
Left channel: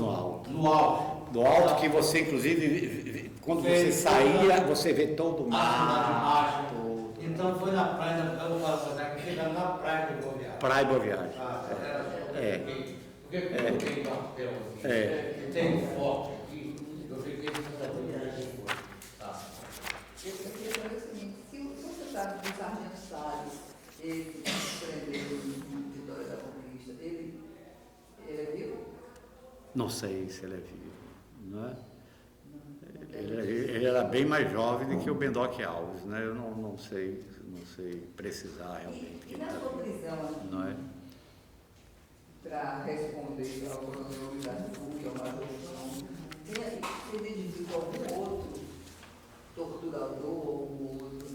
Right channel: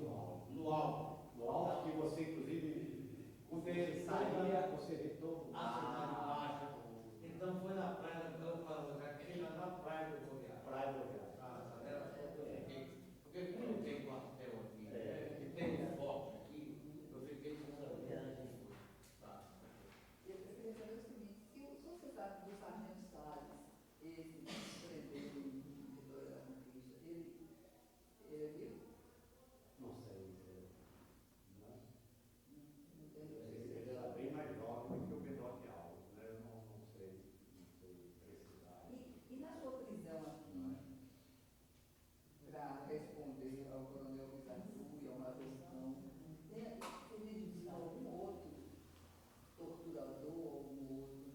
no alto. No alto. No alto que você, inclusive, quando você saía, você vê todo o mar. Então foi na praia, eu posso fazer que fica na praia do Boa Viagem. Praia Boa Viagem. Porque como tem quartel aqui, e tem um forte aqui, eu fiquei depois. Eu queria saber o seguinte, se o secretário do Sargento Salles, ele se prendeu em Vitória da Conquista, Não sei se ele é vivo, não é? Ele era bem mais jovem do que o Bendoc Alves, né? Eu não sei precisar realmente. E na sua prisão, Não é? para responder ao coronel Luiz Arthur, que é o major João, você identificou algum outro torturador, algum outro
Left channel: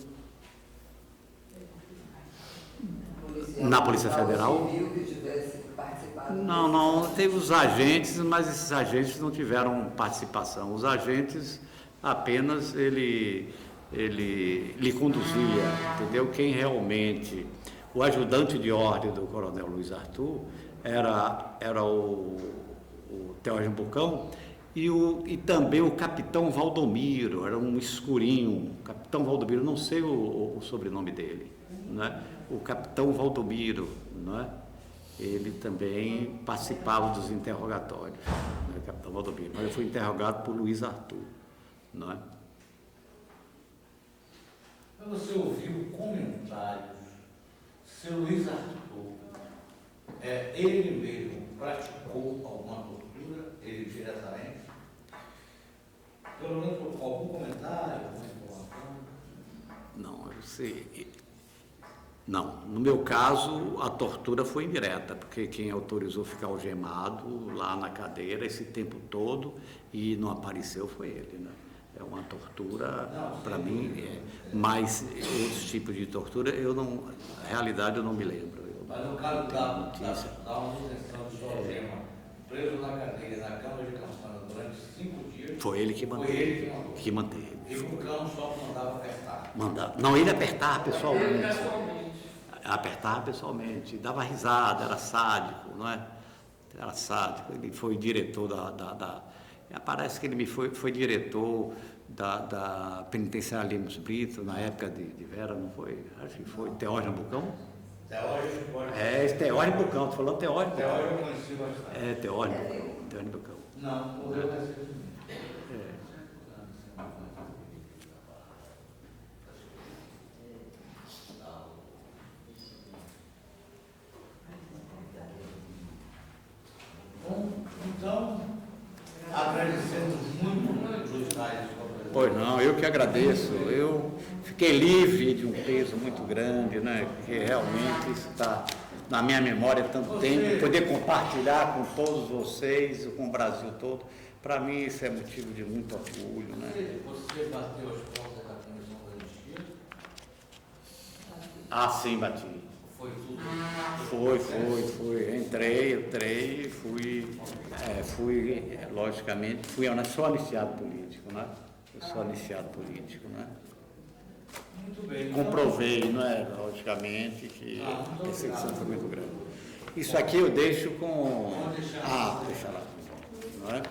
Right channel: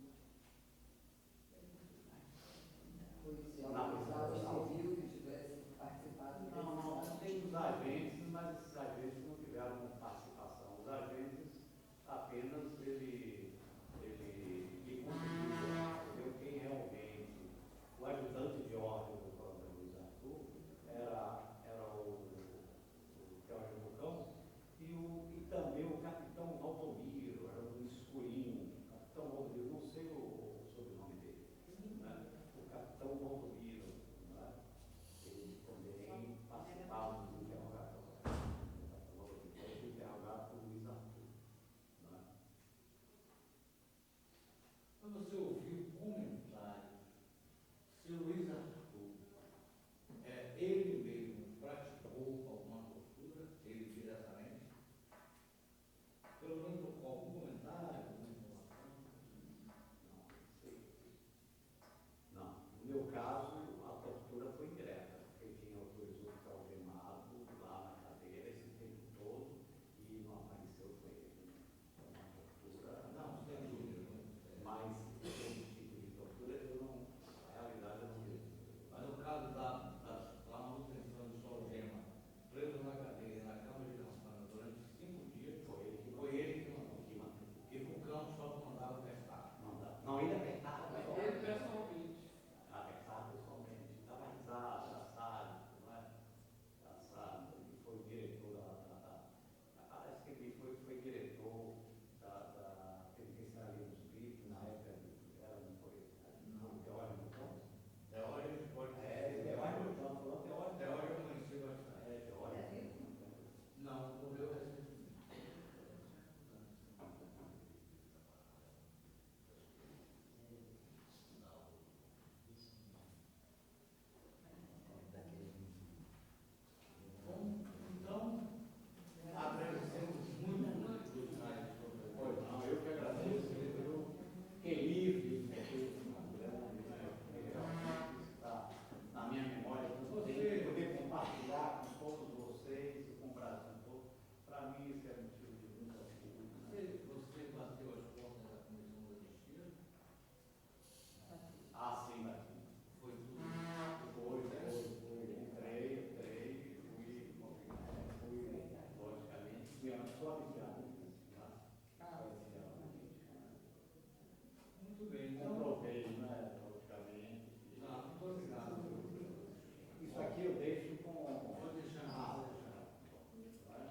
policial? Na Polícia Federal? Civil que tivesse participado? Não, teve os agentes, mas esses agentes não tiveram participação. Os agentes apenas ele lhe conduzia, entendeu? Quem realmente, o ajudante de ordem do coronel Luiz Arthur era o Teógeno Bucão e também o capitão Valdomiro, era um escurinho, capitão Valdomiro, não sei o sobrenome dele, né? O capitão Valdomiro, não é? Ele também participava dos interrogatórios, né? Capitão Valdomiro, mas eu fui interrogado por Luiz Arthur, não é? Você ouviu comentários, seu Luiz Arthur, ele mesmo praticou alguma tortura, ele diretamente? Pelo menos algum comentário, alguma informação? Não, eu sei. Não, no meu caso a tortura foi indireta, porque quem autorizou ficar algemado lá na cadeira esse tempo todo e não apareceu foi ele, né? É uma tortura, para mim, mas outros tipos de tortura, na realidade eu não me lembro. Mas no caso da manutenção de sua algema, preso na cadeira, na cama de campana durante 5 dias, Foi ele que manteve. Que manteve. E o cão só mandava apertar. Não, ele apertava pessoalmente. Apertava pessoalmente, dava risada, era sádico, não é? Era sádico. Ele foi diretor parece que ele foi diretor da penitenciária Lemos Brito, na época de Vera, não foi? Acho que foi Teógeno Bucão. Esse Teógeno Bucão, estou falando Teógeno Bucão. Teógeno eu conheci bastante. Teógeno Bucão. Não eu conheci. Então, agradecemos muito os tais. Pois não, eu que agradeço. Eu fiquei livre de um peso muito grande, né? Porque realmente isso está na minha memória há tanto tempo. Poder compartilhar com todos vocês, com o Brasil todo, para mim isso é motivo de muito orgulho, né? Você bateu as portas da Comissão da Anistia? Ah, sim, bati. Foi tudo? Foi. Entrei, logicamente, sou anistiado político, né? Eu sou anistiado político, né? Muito bem. Comprovei, não é? Logicamente, que a perseguição foi muito grande. Isso aqui eu deixo com... deixa lá. Não é?